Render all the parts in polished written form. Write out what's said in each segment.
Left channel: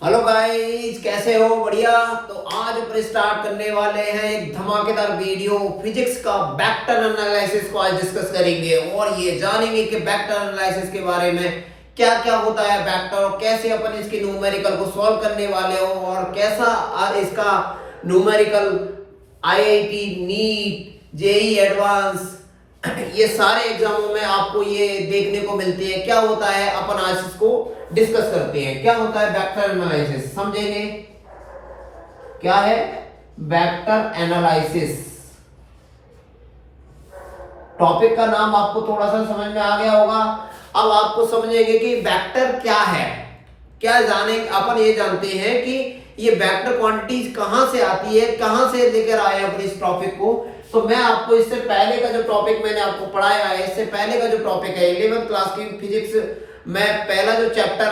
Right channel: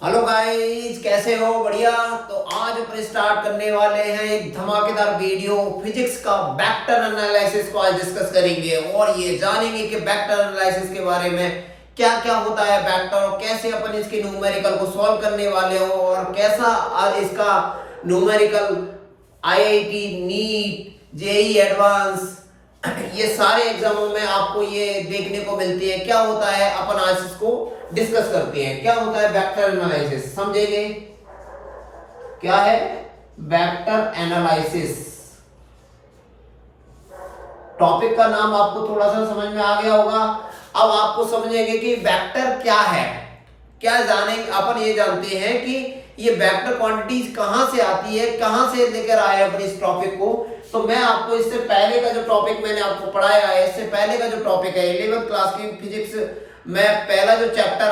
Hello guys, कैसे हो? बढ़िया। तो आज अपन स्टार्ट करने वाले हैं एक धमाकेदार वीडियो। फिजिक्स का वेक्टर एनालिसिस को आज डिस्कस करेंगे और ये जानेंगे कि वेक्टर एनालिसिस के बारे में क्या क्या होता है वेक्टर, और कैसे अपन इसके न्यूमेरिकल को सॉल्व करने वाले हो, और कैसा आज इसका numerical IIT, NEET, JEE advance ये सारे एग्जामों में आपको ये देखने को मिलते हैं। क्या होता है अपन आज इसको डिस्कस करते हैं। क्या होता है वेक्टर एनालिसिस, समझेंगे क्या है वेक्टर एनालिसिस। टॉपिक का नाम आपको थोड़ा सा समझ में आ गया होगा। अब आपको समझेंगे कि वेक्टर क्या है। क्या जाने अपन ये जानते हैं कि ये वेक्टर क्वांटिटीज कहां से आती है, कहां से लेकर आए अपन इस टॉपिक को। तो मैं आपको इससे पहले का जो टॉपिक मैंने आपको पढ़ाया है, इससे पहले का जो टॉपिक है 11th क्लास की फिजिक्स में पहला जो चैप्टर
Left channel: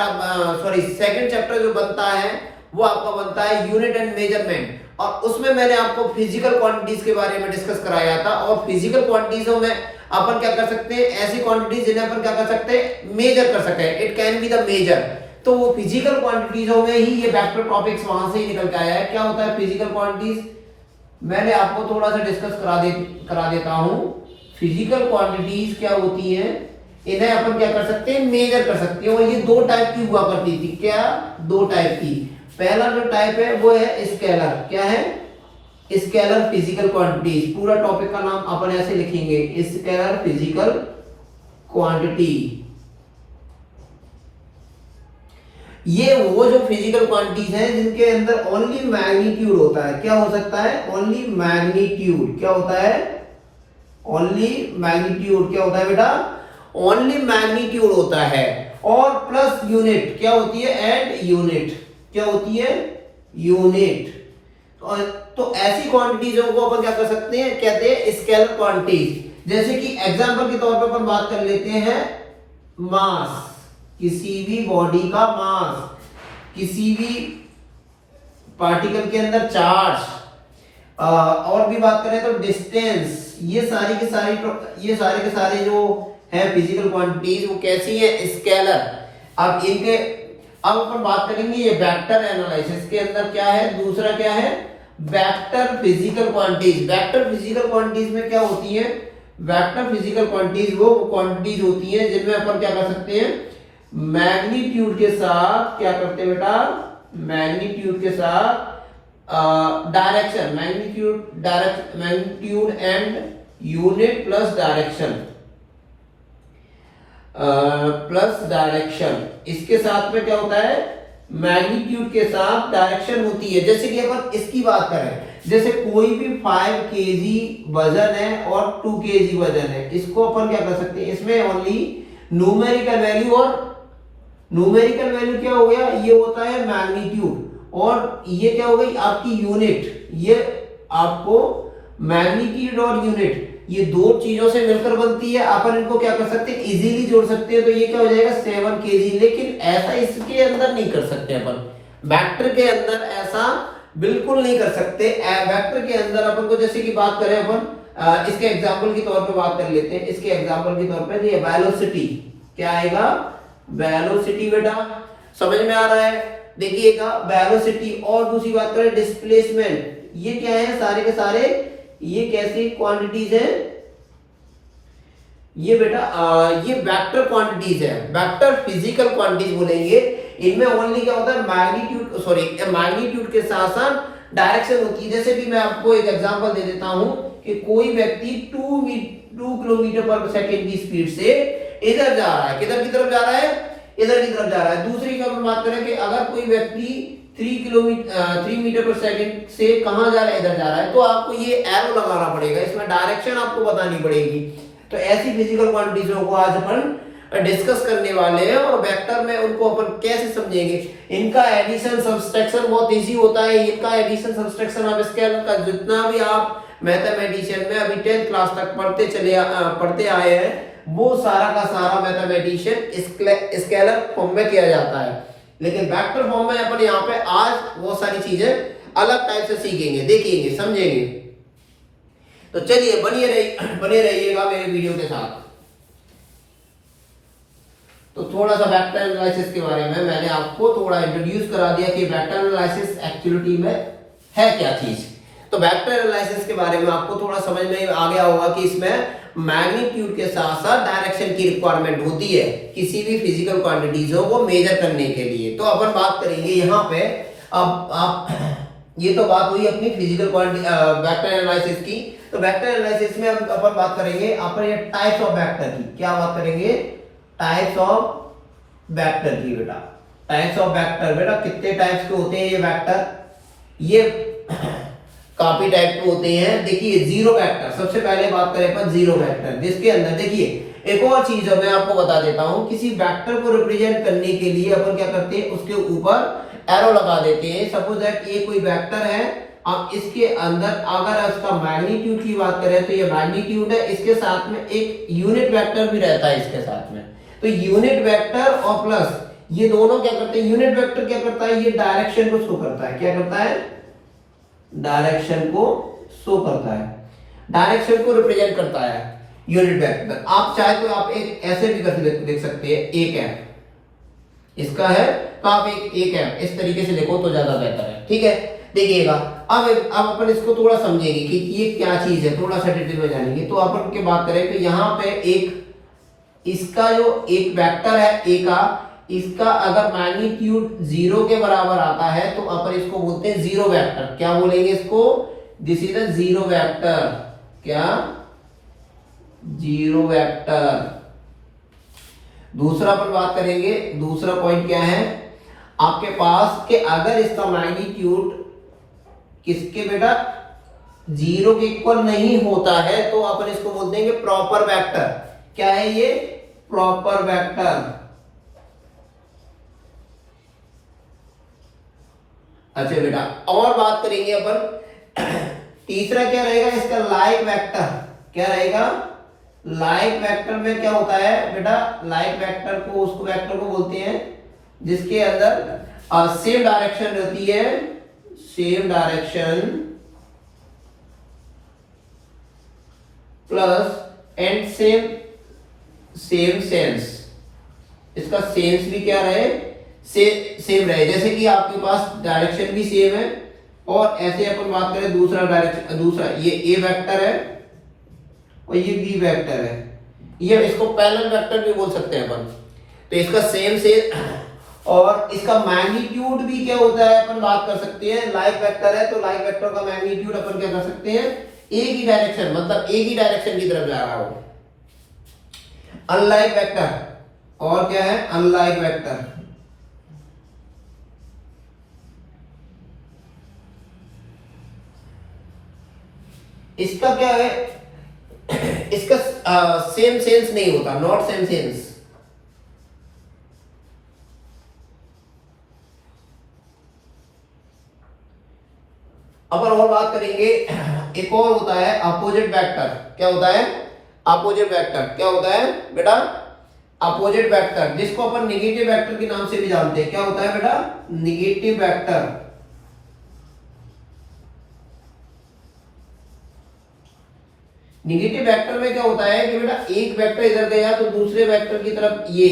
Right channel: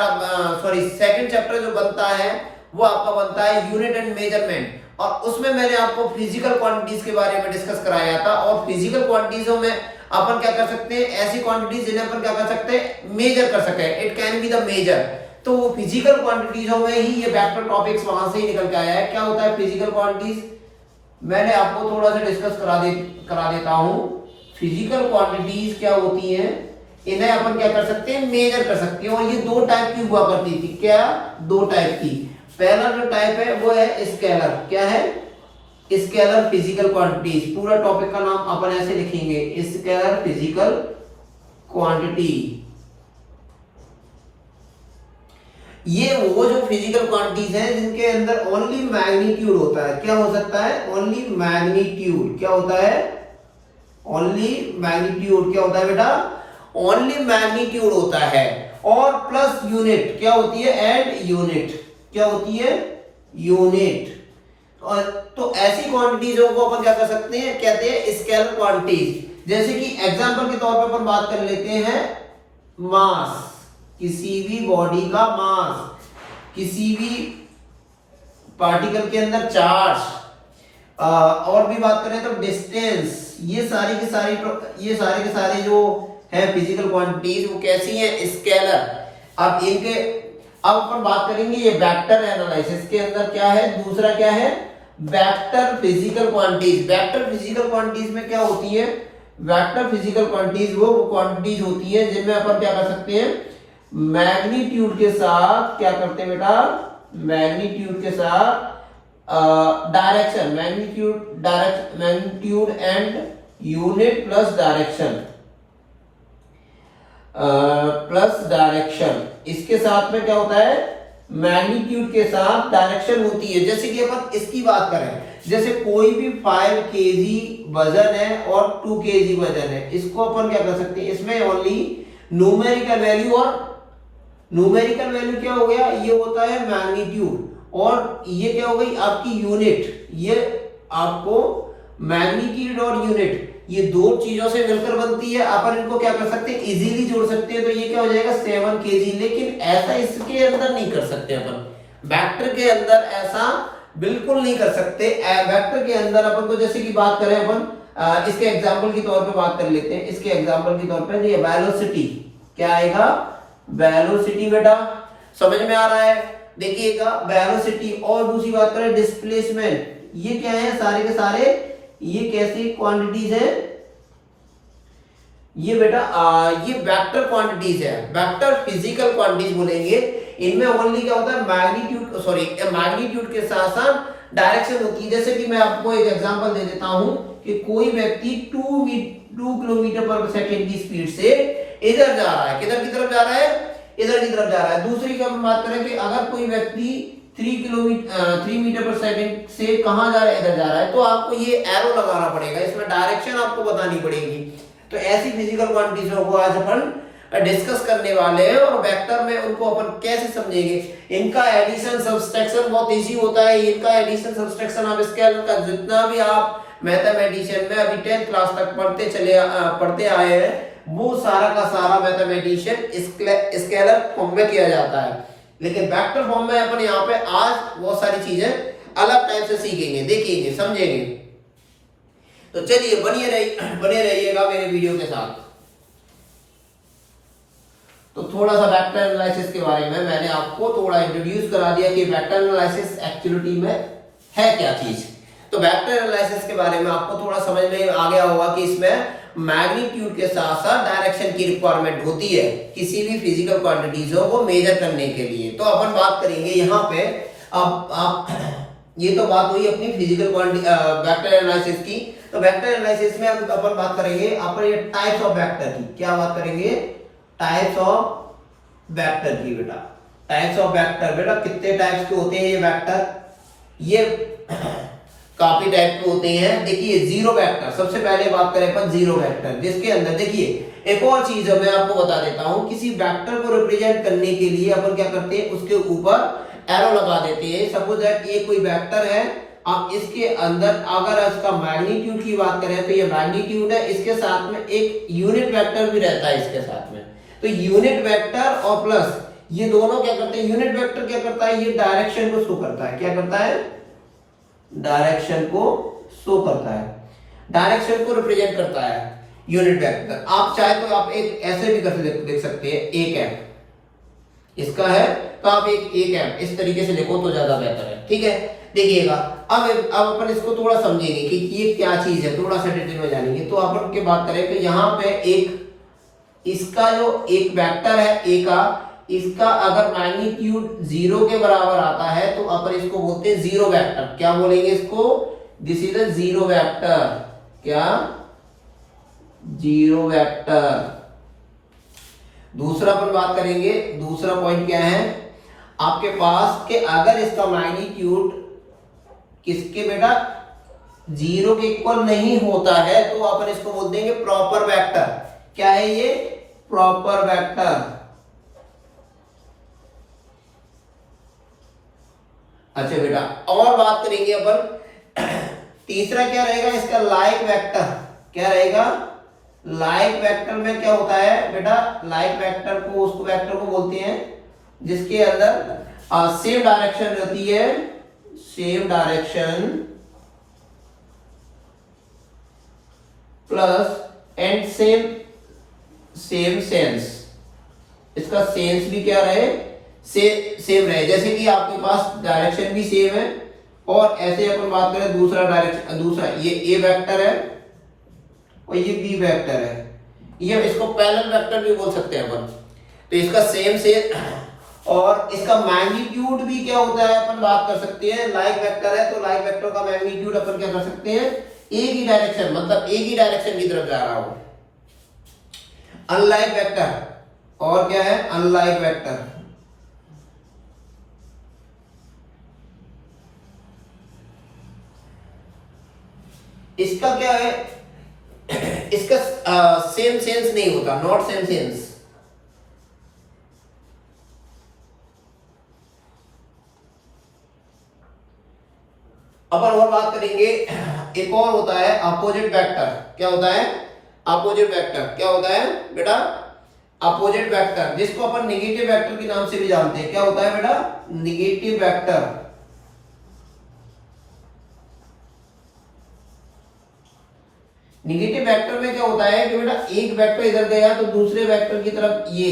सेकंड चैप्टर जो बनता है वो आपका बनता है यूनिट एंड मेजरमेंट, और उसमें मैंने आपको फिजिकल क्वांटिटीज के बारे में डिस्कस कराया था। और फिजिकल क्वांटिटीजों में अपन क्या कर सकते हैं, ऐसी क्वांटिटीज जिन्हें अपन क्या कर सकते हैं, मेजर कर सकते हैं। It can be the major. तो वो फिजिकल क्वांटिटीजों में ही ये वेक्टर टॉपिक्स वहां से ही निकल के आया है। क्या होता है फिजिकल क्वांटिटीज, मैंने आपको थोड़ा सा डिस्कस करा देता हूं। फिजिकल क्वांटिटीज क्या होती हैं, इन्हें अपन क्या कर सकते हैं, मेजर कर सकते हैं। और ये दो टाइप की हुआ करती थी। क्या? दो टाइप की। पहला जो टाइप है वो है स्केलर। क्या है? Scalar physical quantities. पूरा टॉपिक का नाम अपन ऐसे लिखेंगे, स्केलर फिजिकल क्वांटिटी। ये वो जो फिजिकल क्वांटिटीज हैं जिनके अंदर ओनली मैग्नीट्यूड होता है। क्या हो सकता है? Only magnitude. क्या होता है? Only magnitude. क्या होता है बेटा? ओनली मैग्नीट्यूड होता है। और प्लस यूनिट क्या होती है? And unit. क्या होती है? यूनिट। और तो ऐसी क्वांटिटीजों को अपन क्या कर सकते हैं, कहते हैं स्केलर क्वांटिटीज। जैसे कि एग्जांपल के तौर पर अपन बात कर लेते हैं मास, किसी भी बॉडी का मास, किसी भी पार्टिकल के अंदर चार्ज, और भी बात करें तो डिस्टेंस। ये सारी के सारे जो है फिजिकल क्वांटिटीज वो कैसी है? स्केलर। अब अपन बात करेंगे ये वेक्टर एनालिसिस के अंदर क्या है, दूसरा क्या है, vector physical quantities. Vector physical quantities में क्या होती है? वेक्टर फिजिकल क्वांटिटीज वो क्वांटिटीज होती है जिनमें अपन क्या कर सकते हैं, मैग्नीट्यूड के साथ क्या करते हैं बेटा, मैग्नीट्यूड के साथ direction, magnitude and unit plus direction. इसके साथ में क्या होता है, मैग्नीट्यूड के साथ डायरेक्शन होती है। जैसे कि अपन इसकी बात करें, जैसे कोई भी 5 केजी वजन है और 2 केजी वजन है, इसको अपन क्या कर सकते हैं, इसमें ओनली न्यूमेरिकल वैल्यू, और न्यूमेरिकल वैल्यू क्या हो गया, ये होता है मैग्नीट्यूड, और ये क्या हो गई आपकी यूनिट। ये आपको मैग्नीट्यूड और यूनिट ये दो चीजों से मिलकर बनती है। अपन इनको क्या कर सकते हैं, इजीली जोड़ सकते हैं। तो ये क्या हो जाएगा 7 केजी। लेकिन ऐसा इसके अंदर नहीं कर सकते अपन, वेक्टर के अंदर ऐसा बिल्कुल नहीं कर सकते। वेक्टर के अंदर अपन को जैसे कि बात करें अपन इसके एग्जांपल के तौर पे बात कर लेते हैं। इसके एग्जांपल के तौर पे ये वेलोसिटी, क्या आएगा, वेलोसिटी बेटा, समझ में आ रहा है? देखिएगा वेलोसिटी। और दूसरी बात करें डिस्प्लेसमेंट, ये क्या है, सारे के सारे ये कैसी क्वांटिटीज है, ये बेटा ये वेक्टर क्वांटिटीज है, वेक्टर फिजिकल क्वांटिटीज बोलेंगे। इनमें ओनली क्या होता है, मैग्नीट्यूड के साथ साथ डायरेक्शन होती है। जैसे कि मैं आपको एक एग्जांपल दे देता हूं कि कोई व्यक्ति 2 किलोमीटर पर सेकेंड की स्पीड से इधर जा रहा है, किधर की तरफ जा रहा है, इधर की तरफ जा रहा है। दूसरी क्या बात करें कि अगर कोई व्यक्ति 3 मीटर पर सेकंड से कहां जा रहा है, इधर जा रहा है, तो आपको ये एरो लगाना पड़ेगा, इसमें डायरेक्शन आपको बतानी पड़ेगी। तो ऐसी फिजिकल क्वांटिटीजों को आज अपन डिस्कस करने वाले हैं, और वेक्टर में उनको अपन कैसे समझेंगे। इनका एडिशन सब्सट्रैक्शन बहुत इजी होता है। इनका एडिशन सब्सट्रैक्शन आप स्केलर का जितना भी आप मैथमेटिशियन में अभी 10th क्लास तक पढ़ते आए हैं, वो सारा का सारा मैथमेटिशियन स्केलर फॉर्म में किया जाता है। लेकिन वेक्टर फॉर्म में अपन यहाँ पे आज वो सारी चीजें अलग टाइप से सीखेंगे, देखेंगे, समझेंगे। तो चलिए बने रहिएगा मेरे वीडियो के साथ। तो थोड़ा सा वेक्टर एनालिसिस के बारे में मैंने आपको थोड़ा इंट्रोड्यूस करा दिया कि वेक्टर एनालिसिस एक्चुअली में है क्या चीज। तो वेक्टर एनालिसिस के बारे में आपको थोड़ा समझ में आ गया होगा कि इसमें मैग्नीट्यूड के साथ साथ डायरेक्शन की रिक्वायरमेंट होती है किसी भी फिजिकल क्वांटिटीजों को मेजर करने के लिए। तो अपन बात करेंगे यहाँ पे, अब आप ये तो बात हुई अपनी फिजिकल वेक्टर एनालिसिस की। तो वेक्टर एनालिसिस में अब अपन बात करेंगे अपन ये टाइप्स ऑफ वेक्टर की। क्या बात करेंगे? टाइप्स ऑफ वेक्टर की। बेटा टाइप्स ऑफ वेक्टर, बेटा कितने टाइप्स के होते हैं ये वेक्टर? ये काफी टाइप के होते हैं। देखिए जीरो वेक्टर, सबसे पहले बात करें अपन जीरो वेक्टर, जिसके अंदर देखिए एक और चीज है मैं आपको बता देता हूं। किसी वेक्टर को रिप्रेजेंट करने के लिए अपन क्या करते हैं, उसके ऊपर एरो लगा देते हैं। सपोज दैट ये कोई वेक्टर है, अब इसके अंदर अगर इसका मैग्नीट्यूड की बात करें तो ये मैग्नीट्यूड है, इसके साथ में एक यूनिट वेक्टर भी रहता है इसके साथ में। तो यूनिट वेक्टर और प्लस ये दोनों क्या करते हैं, यूनिट वेक्टर क्या करता है, ये डायरेक्शन को शो करता है। क्या करता है? डायरेक्शन को शो करता है, डायरेक्शन को रिप्रेजेंट करता है यूनिट वेक्टर। आप चाहे तो आप एक ऐसे भी कर देख सकते हैं, एक है इसका है तो आप एक है इस तरीके से लिखो तो ज्यादा बेहतर है। ठीक है, देखिएगा अब अपन इसको थोड़ा समझेंगे कि ये क्या चीज है, थोड़ा सा डिटेल में जानेंगे। तो अपन की बात करें कि यहाँ पे एक इसका जो एक वेक्टर है ए का, इसका अगर मैग्नीट्यूड 0 के बराबर आता है तो अपन इसको बोलते हैं जीरो वेक्टर। क्या बोलेंगे इसको? This is a zero vector. क्या? Zero vector. दूसरा अपन बात करेंगे, दूसरा पॉइंट क्या है आपके पास कि अगर इसका मैग्नीट्यूड किसके बेटा 0 के इक्वल नहीं होता है तो अपन इसको बोल देंगे प्रॉपर वेक्टर। क्या है ये? Proper vector. अच्छा बेटा, और बात करेंगे अपन तीसरा क्या रहेगा इसका? Like vector. क्या रहेगा? लाइक वेक्टर में क्या होता है बेटा, लाइक वेक्टर को उसको वेक्टर को बोलते हैं जिसके अंदर सेम डायरेक्शन रहती है, same direction plus and same sense. इसका सेंस भी क्या रहे, सेम रहे। जैसे कि आपके पास डायरेक्शन भी सेम है और ऐसे अपन बात करें दूसरा डायरेक्शन, दूसरा ये ए वेक्टर है और ये बी वेक्टर है, ये इसको पैरेलल वेक्टर भी बोल सकते हैं अपन। तो इसका सेम से और इसका मैग्नीट्यूड भी क्या होता है अपन बात कर सकते हैं, लाइक वेक्टर है तो लाइक वेक्टर का मैग्नीट्यूड अपन क्या कर सकते हैं, एक ही डायरेक्शन, मतलब एक ही डायरेक्शन की तरफ जा रहा हो। अनलाइक वेक्टर, और क्या है? Unlike vector. इसका क्या है, इसका सेम सेंस नहीं होता, नॉट सेम सेंस। अपन और बात करेंगे, एक और होता है अपोजिट वेक्टर। क्या होता है? Opposite vector. क्या होता है बेटा? अपोजिट वेक्टर, जिसको अपन नेगेटिव वेक्टर के नाम से भी जानते हैं। क्या होता है बेटा? Negative vector. नेगेटिव वेक्टर में क्या होता है कि बेटा एक वेक्टर इधर गया तो दूसरे वेक्टर की तरफ ये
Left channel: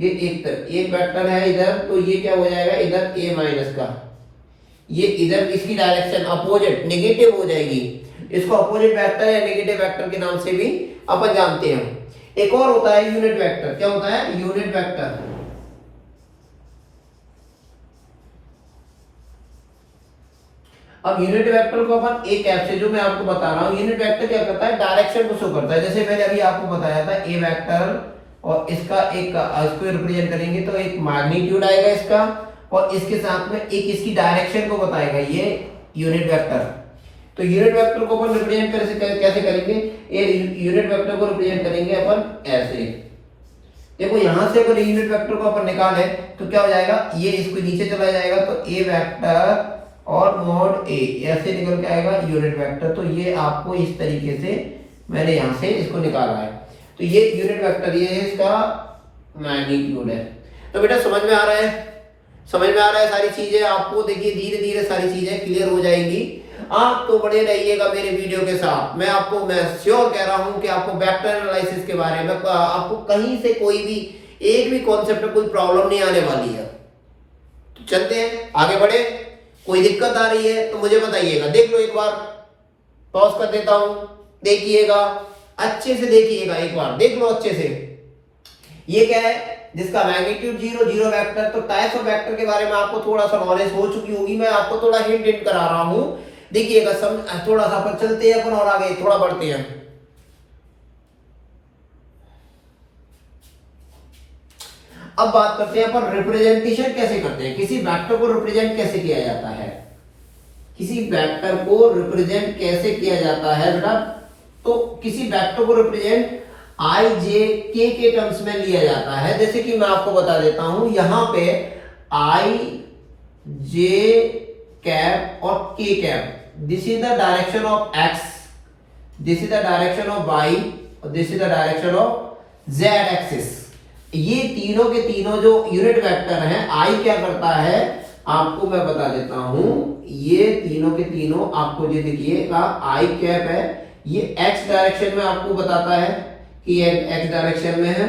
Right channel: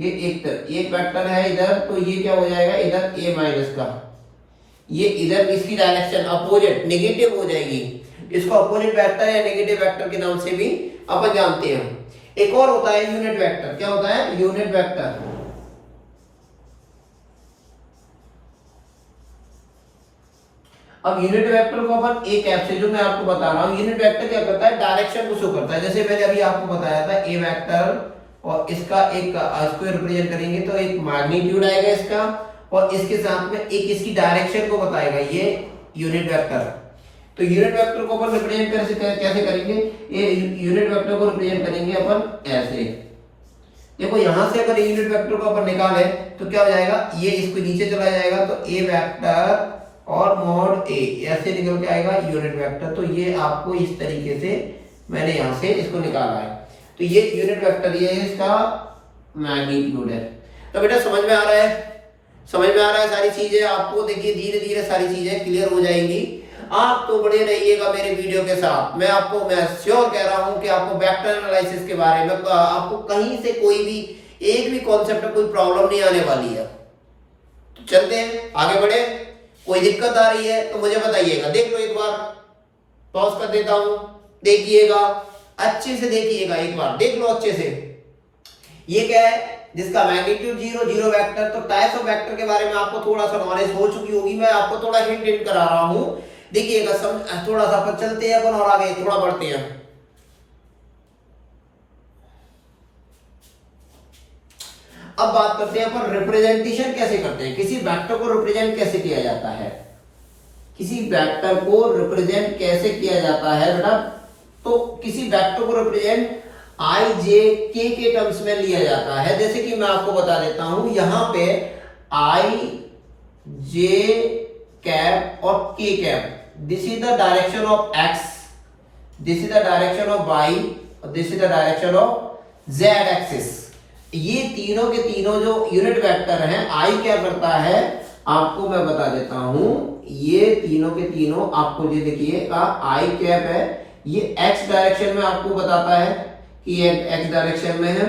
एक तरफ एक वेक्टर है इधर, तो ये क्या हो जाएगा इधर a माइनस का, ये इधर इसकी डायरेक्शन अपोजिट नेगेटिव हो जाएगी। इसको अपोजिट वेक्टर या नेगेटिव वेक्टर के नाम से भी अपन जानते हैं। एक और होता है यूनिट वेक्टर। क्या होता है? Unit vector. अब यूनिट वेक्टर को अपन एक ऐप से, जो मैं आपको बता रहा हूं, यूनिट वेक्टर क्या करता है, डायरेक्शन को शो करता है। जैसे मैंने अभी आपको बताया था ए वेक्टर, और इसका एक इसको रिप्रेजेंट करेंगे तो एक मैग्नीट्यूड आएगा इसका, और इसके साथ में एक इसकी डायरेक्शन को बताएगा, ये यूनिट वेक्टर। तो यूनिट वेक्टर को अपन रिप्रेजेंट कैसे करेंगे, ये यूनिट वेक्टर को रिप्रेजेंट करेंगे अपन ऐसे। देखो यहां से अगर यूनिट वेक्टर को अपन निकाले तो क्या हो जाएगा, ये इसको नीचे चला जाएगा तो ए वेक्टर और मॉड ए ऐसे निकल के आएगा यूनिट वेक्टर। तो ये आपको इस तरीके से मैंने यहां से इसको निकाला है, तो ये यूनिट वेक्टर, ये इसका मैग्नीट्यूड है। तो बेटा समझ में आ रहा है, समझ में आ रहा है सारी चीजें आपको। देखिए धीरे धीरे सारी चीजें क्लियर हो जाएंगी। आप तो बने रहिएगा मेरे वीडियो के साथ। मैं श्योर कह रहा हूं कि आपको वेक्टर एनालिसिस के बारे में आपको कहीं से कोई भी एक भी कॉन्सेप्ट में कोई प्रॉब्लम नहीं आने वाली है। तो चलते हैं आगे बढ़े। कोई दिक्कत आ रही है तो मुझे बताइएगा। देख लो एक बार, पॉज कर देता हूं, देखिएगा अच्छे से, देखिएगा एक बार, देख लो अच्छे से। ये क्या है जिसका मैग्नीट्यूड जीरो, जीरो वेक्टर। तो टाइप्स ऑफ वेक्टर के बारे में आपको थोड़ा सा नॉलेज हो चुकी होगी, मैं आपको थोड़ा हिंट करा रहा हूं। देखिएगा थोड़ा सा अपन चलते हैं अपन और आगे थोड़ा बढ़ते हैं। अब बात करते हैं अपन रिप्रेजेंटेशन कैसे करते हैं, किसी वेक्टर को रिप्रेजेंट कैसे किया जाता है, किसी वेक्टर को रिप्रेजेंट कैसे किया जाता है बेटा। तो किसी वेक्टर को रिप्रेजेंट आई जे के टर्म्स में लिया जाता है। जैसे कि मैं आपको बता देता हूं, यहां पे आई जे कैप और K cap, this is the direction of X, this is the direction of Y और this is the direction of Z axis. ये तीनों के तीनों जो यूनिट वेक्टर हैं, आई क्या करता है आपको मैं बता देता हूं। ये तीनों के तीनों आपको ये देखिएगा, आई कैप है ये एक्स डायरेक्शन में आपको बताता है कि ये एक्स डायरेक्शन में है,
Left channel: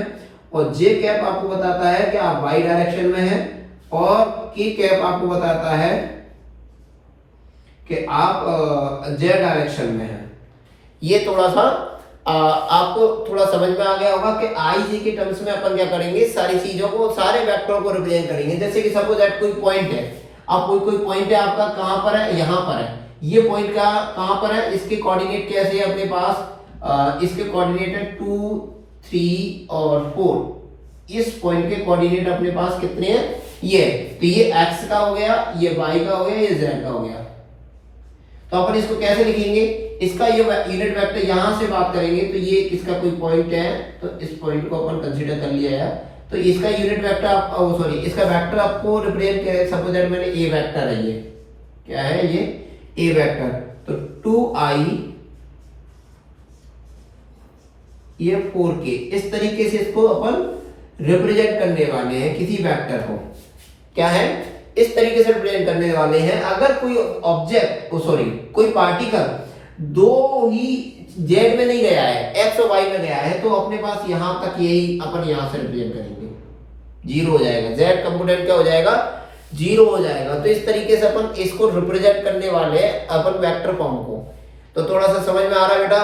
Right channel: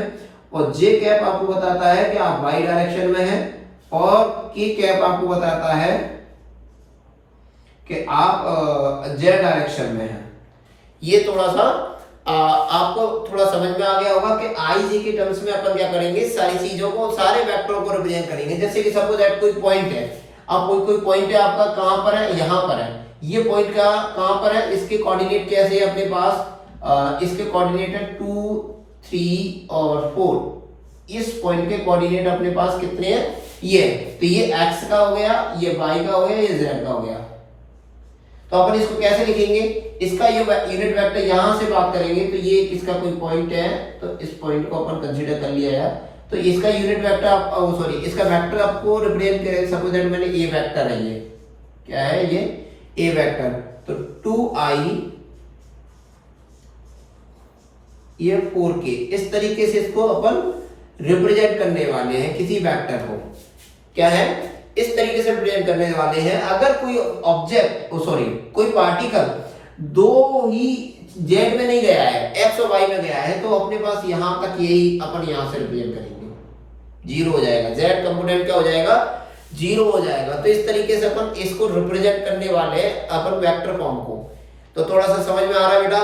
और जे कैप आपको बताता है कि आप वाई डायरेक्शन में है, और के कैप आपको बताता है कि आप जेड डायरेक्शन में है। ये थोड़ा सा आपको थोड़ा समझ में आ गया होगा कि आई जे के टर्म्स में अपन क्या करेंगे, सारी चीजों को, सारे वेक्टर को रिप्रेजेंट करेंगे। जैसे कि सपोज दैट कोई पॉइंट है, अब कोई पॉइंट है आपका, कहां पर है, यहां पर है। ये पॉइंट का कहां पर है, इसके कोऑर्डिनेट कैसे है अपने पास, इसके कोऑर्डिनेट है 2, 3 और 4। इस पॉइंट के कोऑर्डिनेट अपने पास कितने हैं, ये। तो ये x का हो गया, ये y का हो गया, ये z का हो गया। तो अपन इसको कैसे लिखेंगे, इसका ये यूनिट वेक्टर यहां से बात करेंगे तो ये किसका कोई पॉइंट है, तो इस पॉइंट को अपन कंसीडर कर लिया है। तो इसका यूनिट वेक्टर आप सॉरी इसका वेक्टर आपको रिप्रेजेंट करें, सपोज दैट मैंने ए वेक्टर है, ये क्या है, ये ए वेक्टर। तो 2i ये 4k, इस तरीके से इसको अपन रिप्रेजेंट करने वाले हैं किसी वेक्टर को। क्या है, इस तरीके से रिप्रेजेंट करने वाले हैं। अगर कोई ऑब्जेक्ट सॉरी कोई पार्टिकल दो ही जेड में नहीं गया है, एक्स और वाई में गया है, तो अपने पास यहां तक यही अपन यहां से रिप्रेजेंट करेंगे, जीरो हो जाएगा, जेड कंपोनेंट क्या हो जाएगा, जीरो हो जाएगा। तो इस तरीके से अपन इसको रिप्रेजेंट करने वाले अपन वेक्टर फॉर्म को। तो थोड़ा सा समझ में आ रहा है बेटा,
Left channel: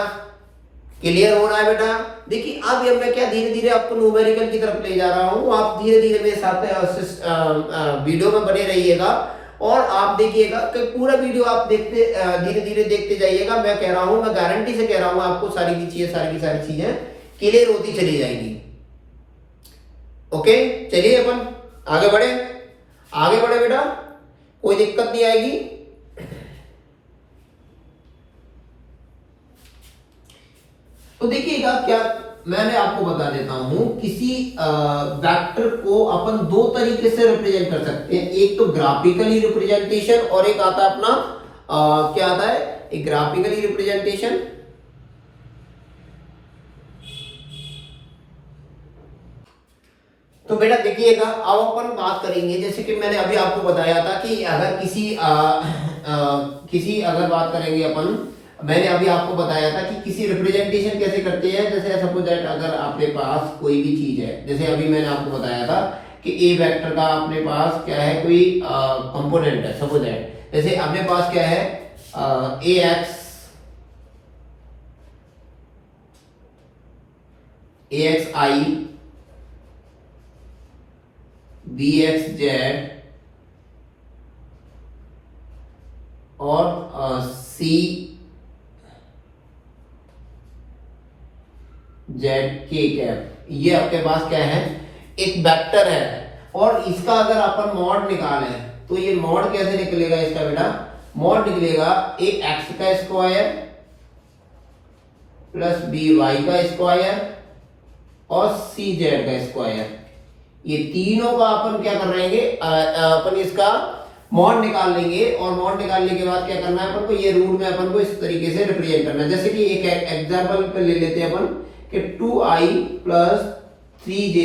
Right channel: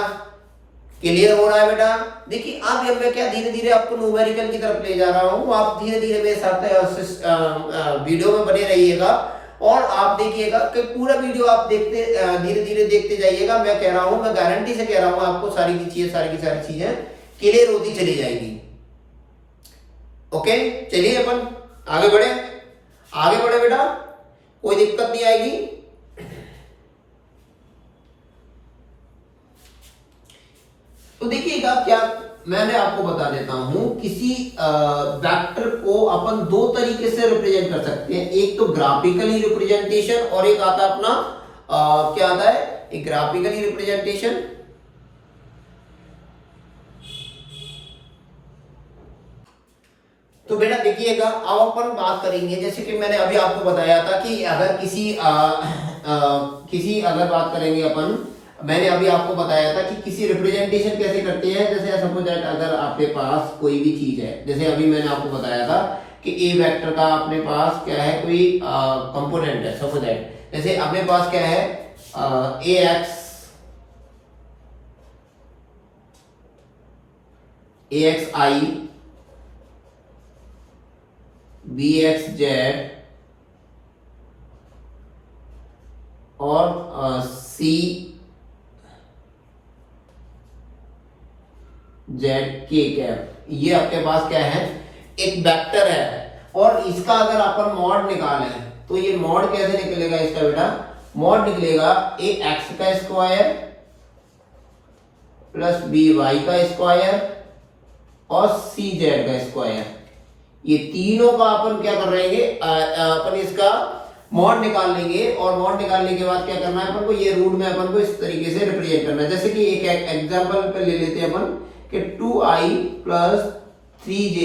क्लियर हो रहा है बेटा। देखिए अब ये मैं क्या धीरे धीरे आपको न्यूमेरिकल की तरफ ले जा रहा हूं, आप धीरे धीरे मेरे साथ वीडियो में बने रहिएगा और आप देखिएगा कि पूरा वीडियो आप देखते धीरे धीरे देखते जाइएगा। मैं कह रहा हूं, मैं गारंटी से कह रहा हूं आपको सारी की सारी चीजें क्लियर होती चली जाएगी। ओके चलिए अपन आगे बढ़े बेटा, कोई दिक्कत नहीं आएगी। तो देखिएगा क्या मैंने आपको बता देता हूं, किसी वेक्टर को अपन दो तरीके से रिप्रेजेंट कर सकते हैं। एक तो ग्राफिकली रिप्रेजेंटेशन और एक आता है अपना क्या आता है, एक ग्राफिकली रिप्रेजेंटेशन। तो बेटा देखिएगा अब अपन बात करेंगे, जैसे कि मैंने अभी आपको बताया था कि अगर किसी अगर बात करेंगे अपन, मैंने अभी आपको बताया था कि किसी रिप्रेजेंटेशन कैसे करते हैं। जैसे सपोज दैट अगर आपके पास कोई भी चीज है, जैसे अभी मैंने आपको बताया था कि ए वेक्टर का अपने पास क्या है, कोई कंपोनेंट है। सपोज दैट जैसे अपने पास क्या है, ए एक्स आई, बी एक्स जेड और सी जेड के कैप। ये आपके पास क्या है, एक वेक्टर है, और इसका अगर अपन मॉड निकालें तो ये मॉड कैसे निकलेगा इसका बेटा, मॉड निकलेगा ए एक्स का स्क्वायर प्लस बी वाई का स्क्वायर और सी जेड का स्क्वायर। ये तीनों का अपन क्या कर रहेंगे, अपन इसका मॉड निकाल लेंगे, और मॉड निकालने के बाद क्या करना है अपन को, ये रूट में अपन को इस तरीके से रिप्रेजेंट करना है। जैसे कि एक एग्जांपल पे ले लेते हैं अपन कि 2i प्लस 3j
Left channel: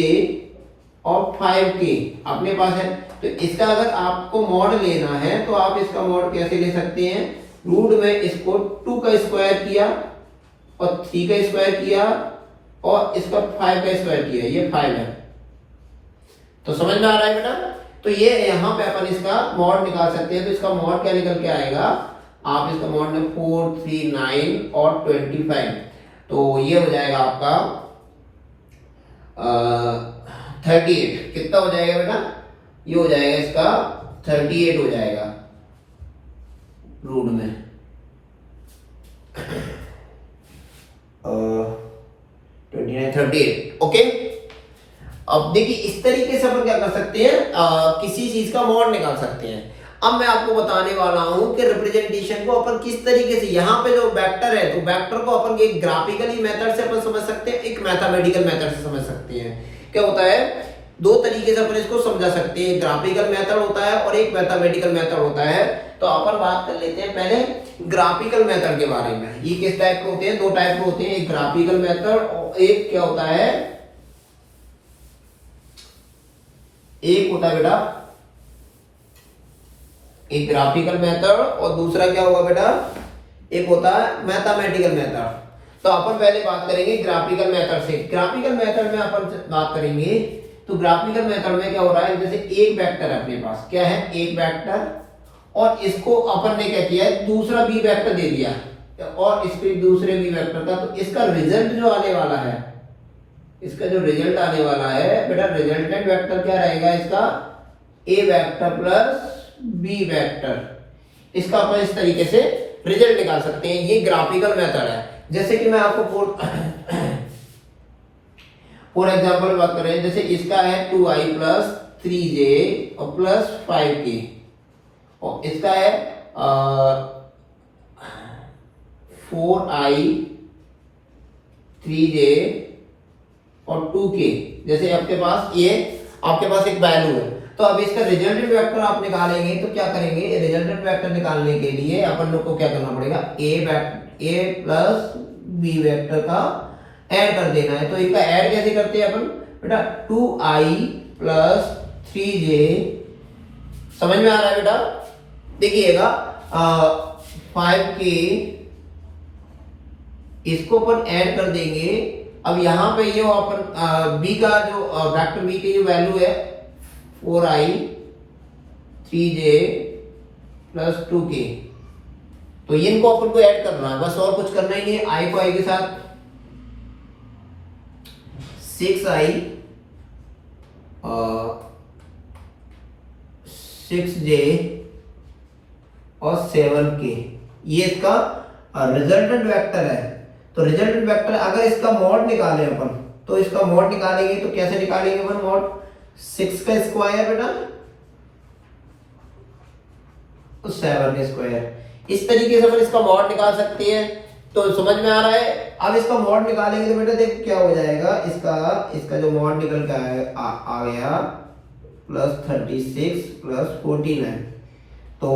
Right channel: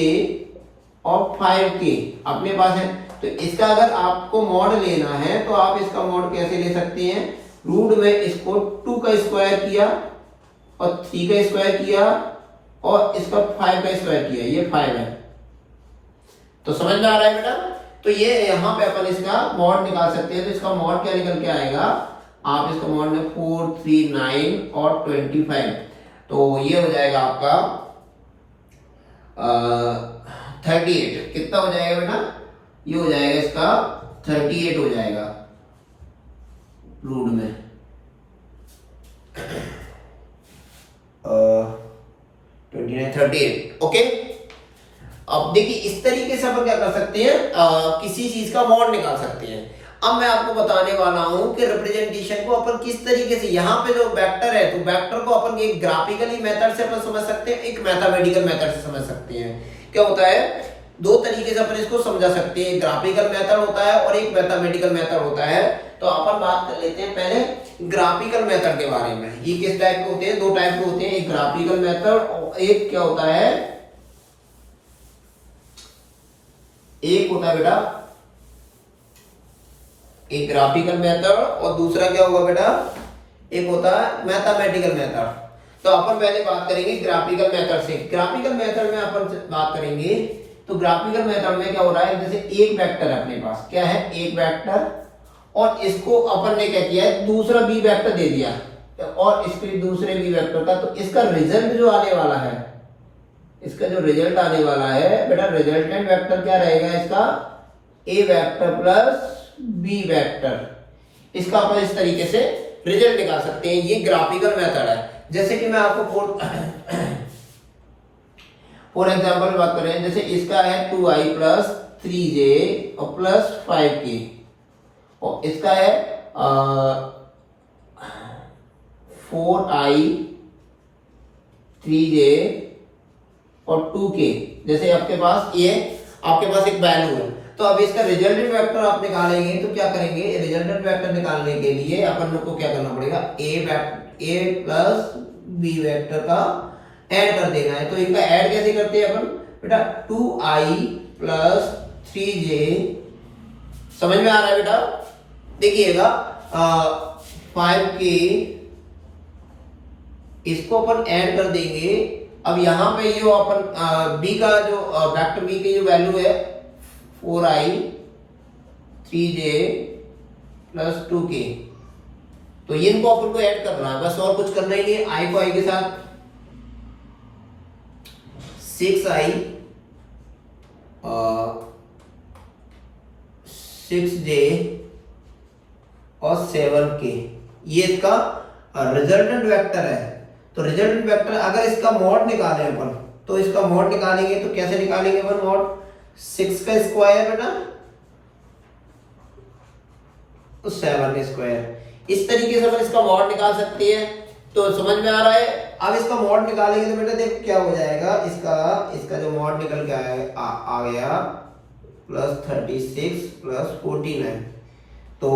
और 5k अपने पास है। तो इसका अगर आपको मॉड लेना है तो आप इसका मॉड कैसे ले सकते हैं, रूट में इसको 2 का स्क्वायर किया और 3 का स्क्वायर किया और इसका 5 का स्क्वायर किया, ये 5 है। तो समझ में आ रहा है बेटा? तो ये यहाँ पे अपन इसका मॉड निकाल सकते हैं। तो इसका मॉड क्या निकल के आएगा, आप इसको मॉड में 4, 3, 9 और 25, तो ये हो जाएगा आपका 38। कितना हो जाएगा बेटा? ये हो जाएगा इसका 38 हो जाएगा रूट में 29, 38। ओके, अब देखिए इस तरीके से अपन क्या कर सकते हैं, किसी चीज का मॉड निकाल सकते हैं। अब मैं आपको बताने वाला हूं कि रिप्रेजेंटेशन को अपन किस तरीके से, यहाँ पे जो वेक्टर है तो वेक्टर को अपन एक ग्राफिकली मेथड से अपन समझ सकते हैं, एक मैथमेटिकल मेथड से समझ सकते हैं। क्या होता है, दो तरीके से अपन इसको समझा सकते हैं, ग्राफिकल मेथड होता है और एक मैथमेटिकल मेथड होता है। तो अपन बात कर लेते हैं पहले ग्राफिकल मेथड के बारे में। ये किस टाइप के होते हैं, दो टाइप के होते हैं, एक ग्राफिकल मेथड और एक क्या होता है, एक होता है बेटा एक ग्राफिकल मेथड और दूसरा क्या होगा बेटा, एक होता है मैथमेटिकल मेथड। तो अपन पहले बात करेंगे ग्राफिकल मेथड से। ग्राफिकल मेथड में अपन बात करेंगे तो ग्राफिकल मेथड में क्या हो रहा है, जैसे एक वेक्टर है अपने पास, क्या है, एक वेक्टर, और इसको अपन ने क्या किया है, दूसरा बी वेक्टर दे दिया और इसके दूसरे बी वेक्टर का, तो इसका रिजल्ट जो आने वाला है, इसका जो रिजल्ट आने वाला है बेटा, रिजल्टेंट वेक्टर क्या रहेगा इसका, ए वेक्टर प्लस बी वेक्टर। इसका अपन इस तरीके से रिजल्ट निकाल सकते हैं। ये ग्राफिकल मेथड है। जैसे कि मैं आपको फॉर एग्जांपल बात करें, जैसे इसका है 2i प्लस 3j और प्लस 5k, और इसका है 4i 3j और 2k। जैसे आपके पास ये आपके पास एक वैल्यू है, तो अब इसका रिजल्टेंट वेक्टर आप निकालेंगे तो क्या करेंगे, रिजल्टेंट वेक्टर निकालने के लिए अपन लोग को क्या करना पड़ेगा, ए प्लस बी वेक्टर का ऐड कर देना है। तो इनका ऐड कैसे करते हैं अपन बेटा, 2i प्लस 3j, समझ में आ रहा है बेटा? देखिएगा 5k, इसको अपन ऐड कर देंगे। अब यहाँ पे ये अपन b का जो वेक्टर b की जो वैल्यू है 4i 3j प्लस 2k, तो ये इनको अपन को ऐड करना है, बस और कुछ करना ही नहीं है। i को i के साथ 6i 6j और 7k, ये इसका रिजल्टेंट वेक्टर है। तो रिजल्टेंट वेक्टर अगर इसका मॉड निकालें अपन, तो इसका मॉड निकालेंगे तो कैसे निकालेंगे अपन मॉड, 6 का स्क्वायर बेटा तो 7 स्क्वायर, इस तरीके से अपन इसका मॉड निकाल सकते हैं। तो समझ में आ रहा है? अब इसका मॉड निकालेंगे तो बेटा देखो क्या हो जाएगा, इसका जो मॉड निकल के आ गया प्लस 36 प्लस 49, तो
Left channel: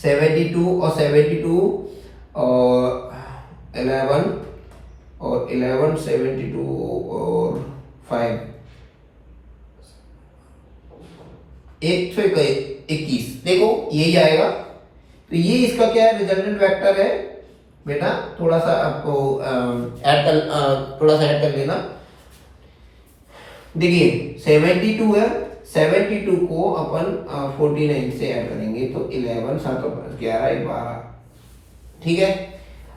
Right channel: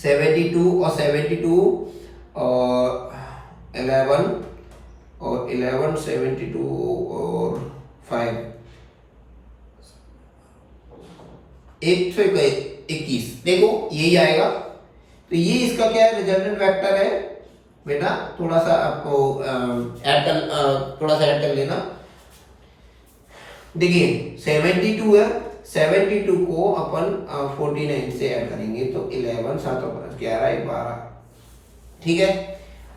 72 और 72 और 11 और 11 72 और 5 121, देखो यही आएगा। तो ये इसका क्या है, रिजल्टेंट वेक्टर है बेटा। थोड़ा सा आपको थोड़ा सा ऐड कर लेना। देखिए 72 है, 72 को अपन 49 से ऐड करेंगे तो 11 7 11 12, ठीक है।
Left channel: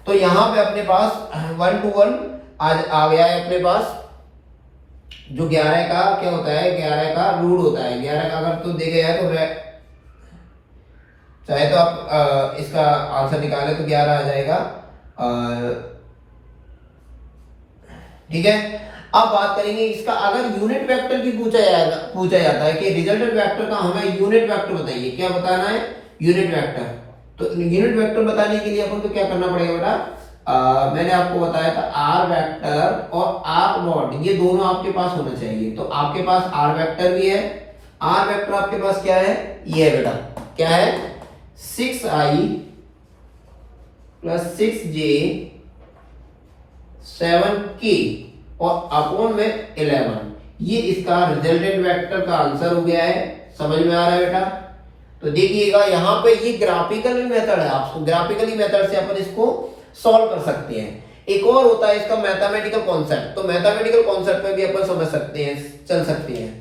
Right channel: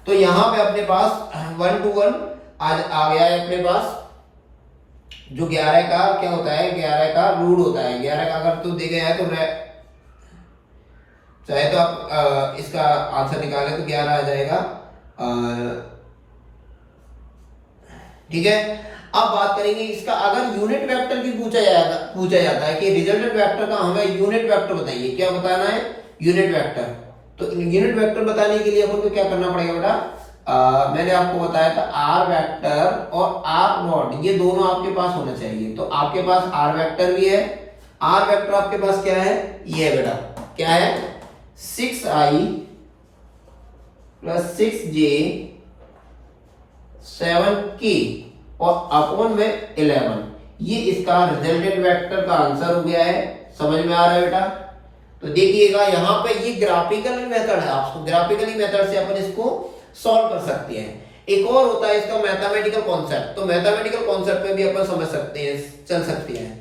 तो यहाँ पे अपने पास 1 to 1 आ गया है अपने पास। जो 11 का क्या होता है, 11 का रूट होता है, 11 का अगर तो दे गया है तो चाहे तो आप इसका आंसर निकाले तो 11 आ जाएगा, ठीक है। अब बात करेंगे इसका, अगर यूनिट वेक्टर की पूछा जाता है कि रिजल्टेंट वेक्टर का हमें यूनिट वेक्टर बताइए, क्या बताना है, यूनिट वेक्टर। तो यूनिट वेक्टर बताने के लिए अपन को क्या करना पड़ेगा बेटा, मैंने आपको बताया था आर वेक्टर और आर नॉट, ये दोनों आपके पास होना चाहिए। तो आपके पास आर वेक्टर भी है, आर वेक्टर आपके पास क्या है, ये है बेटा, क्या है 6i प्लस 6j 7k और अपॉन में 11, ये इसका रिजल्टेंट वेक्टर का आंसर हो गया है। समझ में आ रहा है बेटा? तो देखिएगा यहाँ पे ये ग्राफिकल मेथड है, आपको ग्राफिकली मेथड से अपन इसको सॉल्व कर सकते हैं। एक और होता है इसका मैथमेटिकल कॉन्सेप्ट। तो मैथमेटिकल कॉन्सेप्ट पे भी अपन समझ सकते हैं, चल सकते हैं।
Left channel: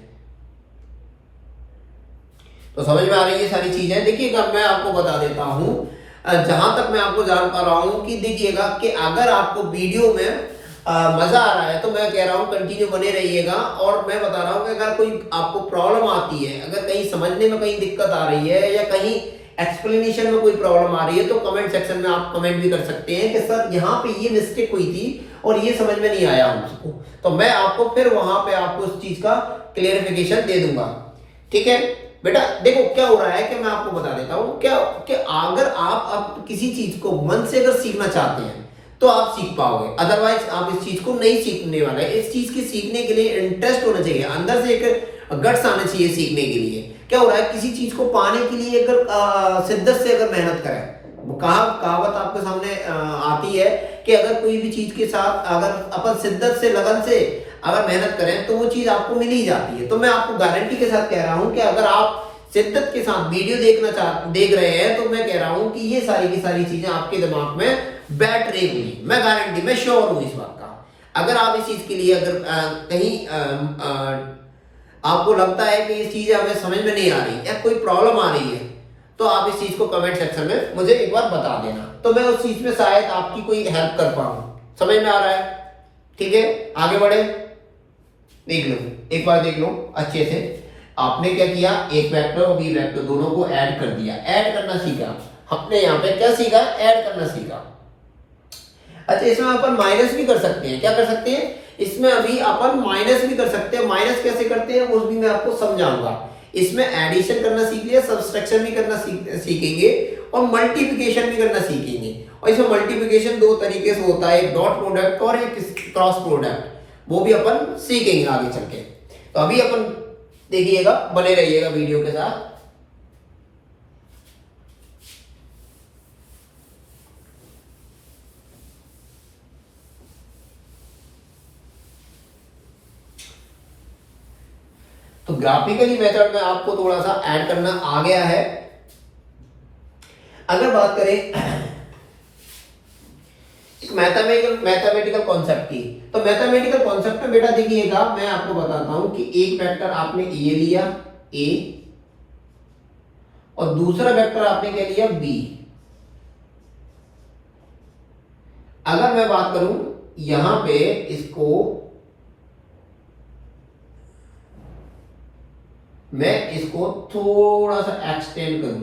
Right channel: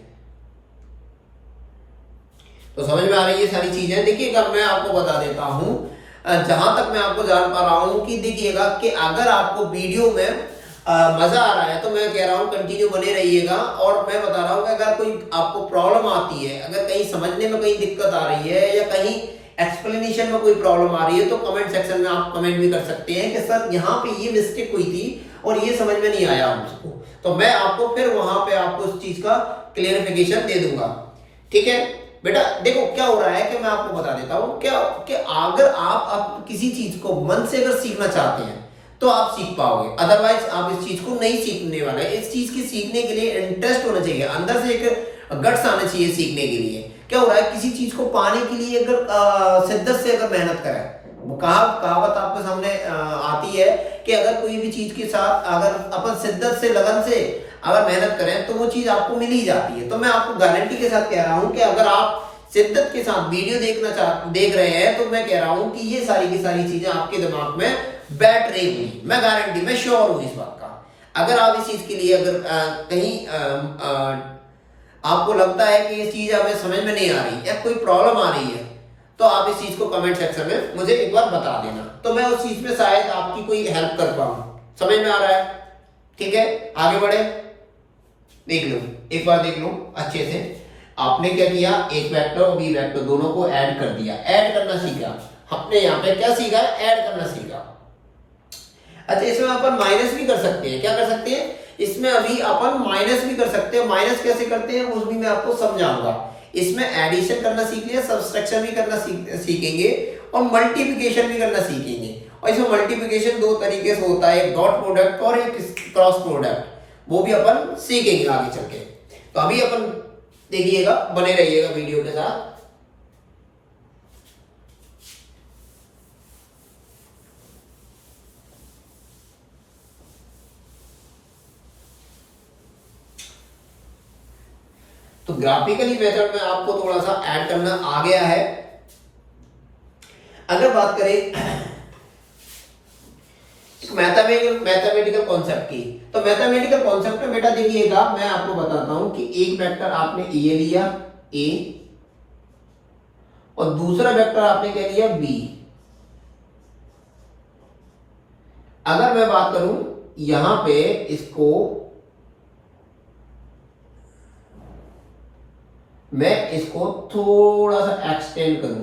तो समझ में आ रही है ये सारी चीजें। देखिएगा मैं आपको बता देता हूं, जहां तक मैं आपको जान पा रहा हूं कि देखिएगा कि अगर आपको वीडियो में मजा आ रहा है तो मैं कह रहा हूं कंटिन्यू बने रहिएगा। और मैं बता रहा हूं कि अगर कोई आपको प्रॉब्लम आती है, अगर कहीं समझने में कहीं दिक्कत आ रही है या कहीं एक्सप्लेनेशन में कोई प्रॉब्लम आ रही है, तो कमेंट सेक्शन में आप कमेंट भी कर सकते हैं कि सर यहाँ पे ये मिस्टेक हुई थी और ये समझ में नहीं आया मुझको। तो मैं आपको फिर वहां पे आपको इस चीज का क्लियरिफिकेशन दे दूंगा। ठीक है बेटा, देखो क्या हो रहा है कि मैं आपको बता देता हूं क्या कि अगर आप किसी चीज को मन से अगर सीखना चाहते हैं तो आप सीख पाओगे, अदरवाइज आप इस चीज को नहीं सीखने वाले। इस चीज की सीखने के लिए इंटरेस्ट होना चाहिए, अंदर से एक गट्स आना चाहिए सीखने के लिए। क्या हो रहा है, किसी चीज को पाने के लिए अगर शिद्दत से अगर मेहनत करें, कहावत आपके सामने आती है कि अगर कोई भी चीज के साथ अगर अपन शिद्दत से लगन से अगर मेहनत करें तो वो चीज आपको मिल ही जाती है। तो मैं आपको गारंटी के साथ कह रहा हूं कि अगर आप शिद्दत के साथ वीडियो देख रहे हैं तो मैं कह रहा हूं कि ये सारी की सारी चीजें आपके दिमाग में बैठ रही हुई, मैं गारंटी, मैं श्योर हूं इस बात का। अगर आप इस चीज के लिए अगर कहीं आपको लगता है कि ये चीज हमें समझ में नहीं आ रही या कोई प्रॉब्लम आ रही है, तो आप इस चीज को कमेंट सेक्शन में मुझे एक बार बता देना, तो मैं उस चीज में शायद आपकी कोई हेल्प कर पाऊं। समझ में आ रहा है? ठीक है, आगे बढ़े। देख लो, एक बार देख लो अच्छे से। आपने क्या किया, एक वेक्टर और बी वेक्टर दोनों को ऐड कर दिया, ऐड करना सीखा हमने। यहाँ पे क्या सीखा, ऐड करना सीखा। अच्छा, इसमें अपन माइनस भी कर सकते हैं। क्या कर सकते हैं, इसमें अभी अपन माइनस भी कर सकते हैं। माइनस कैसे करते हैं वो भी मैं आपको समझाऊंगा। इसमें एडिशन करना सीख लिया, सब्सट्रैक्शन भी करना सीखेंगे और मल्टीप्लिकेशन भी करना सीखेंगे। और इसमें मल्टीप्लिकेशन दो तरीके से होता है, एक डॉट प्रोडक्ट और एक क्रॉस प्रोडक्ट, वो भी अपन सीखेंगे आगे चल के। तो अभी अपन देखिएगा, बने रहिएगा वीडियो के साथ। तो ग्राफिकली मेथड में आपको थोड़ा सा ऐड करना आ गया है। अगर बात करें मैथमेटिकल कॉन्सेप्ट की, तो मैथमेटिकल कॉन्सेप्ट में बेटा देखिएगा मैं आपको बताता हूं कि एक वेक्टर आपने ए लिया, ए, और दूसरा वेक्टर आपने क्या लिया, बी। अगर मैं बात करूं यहां पे इसको मैं इसको थोड़ा सा एक्सटेंड करूं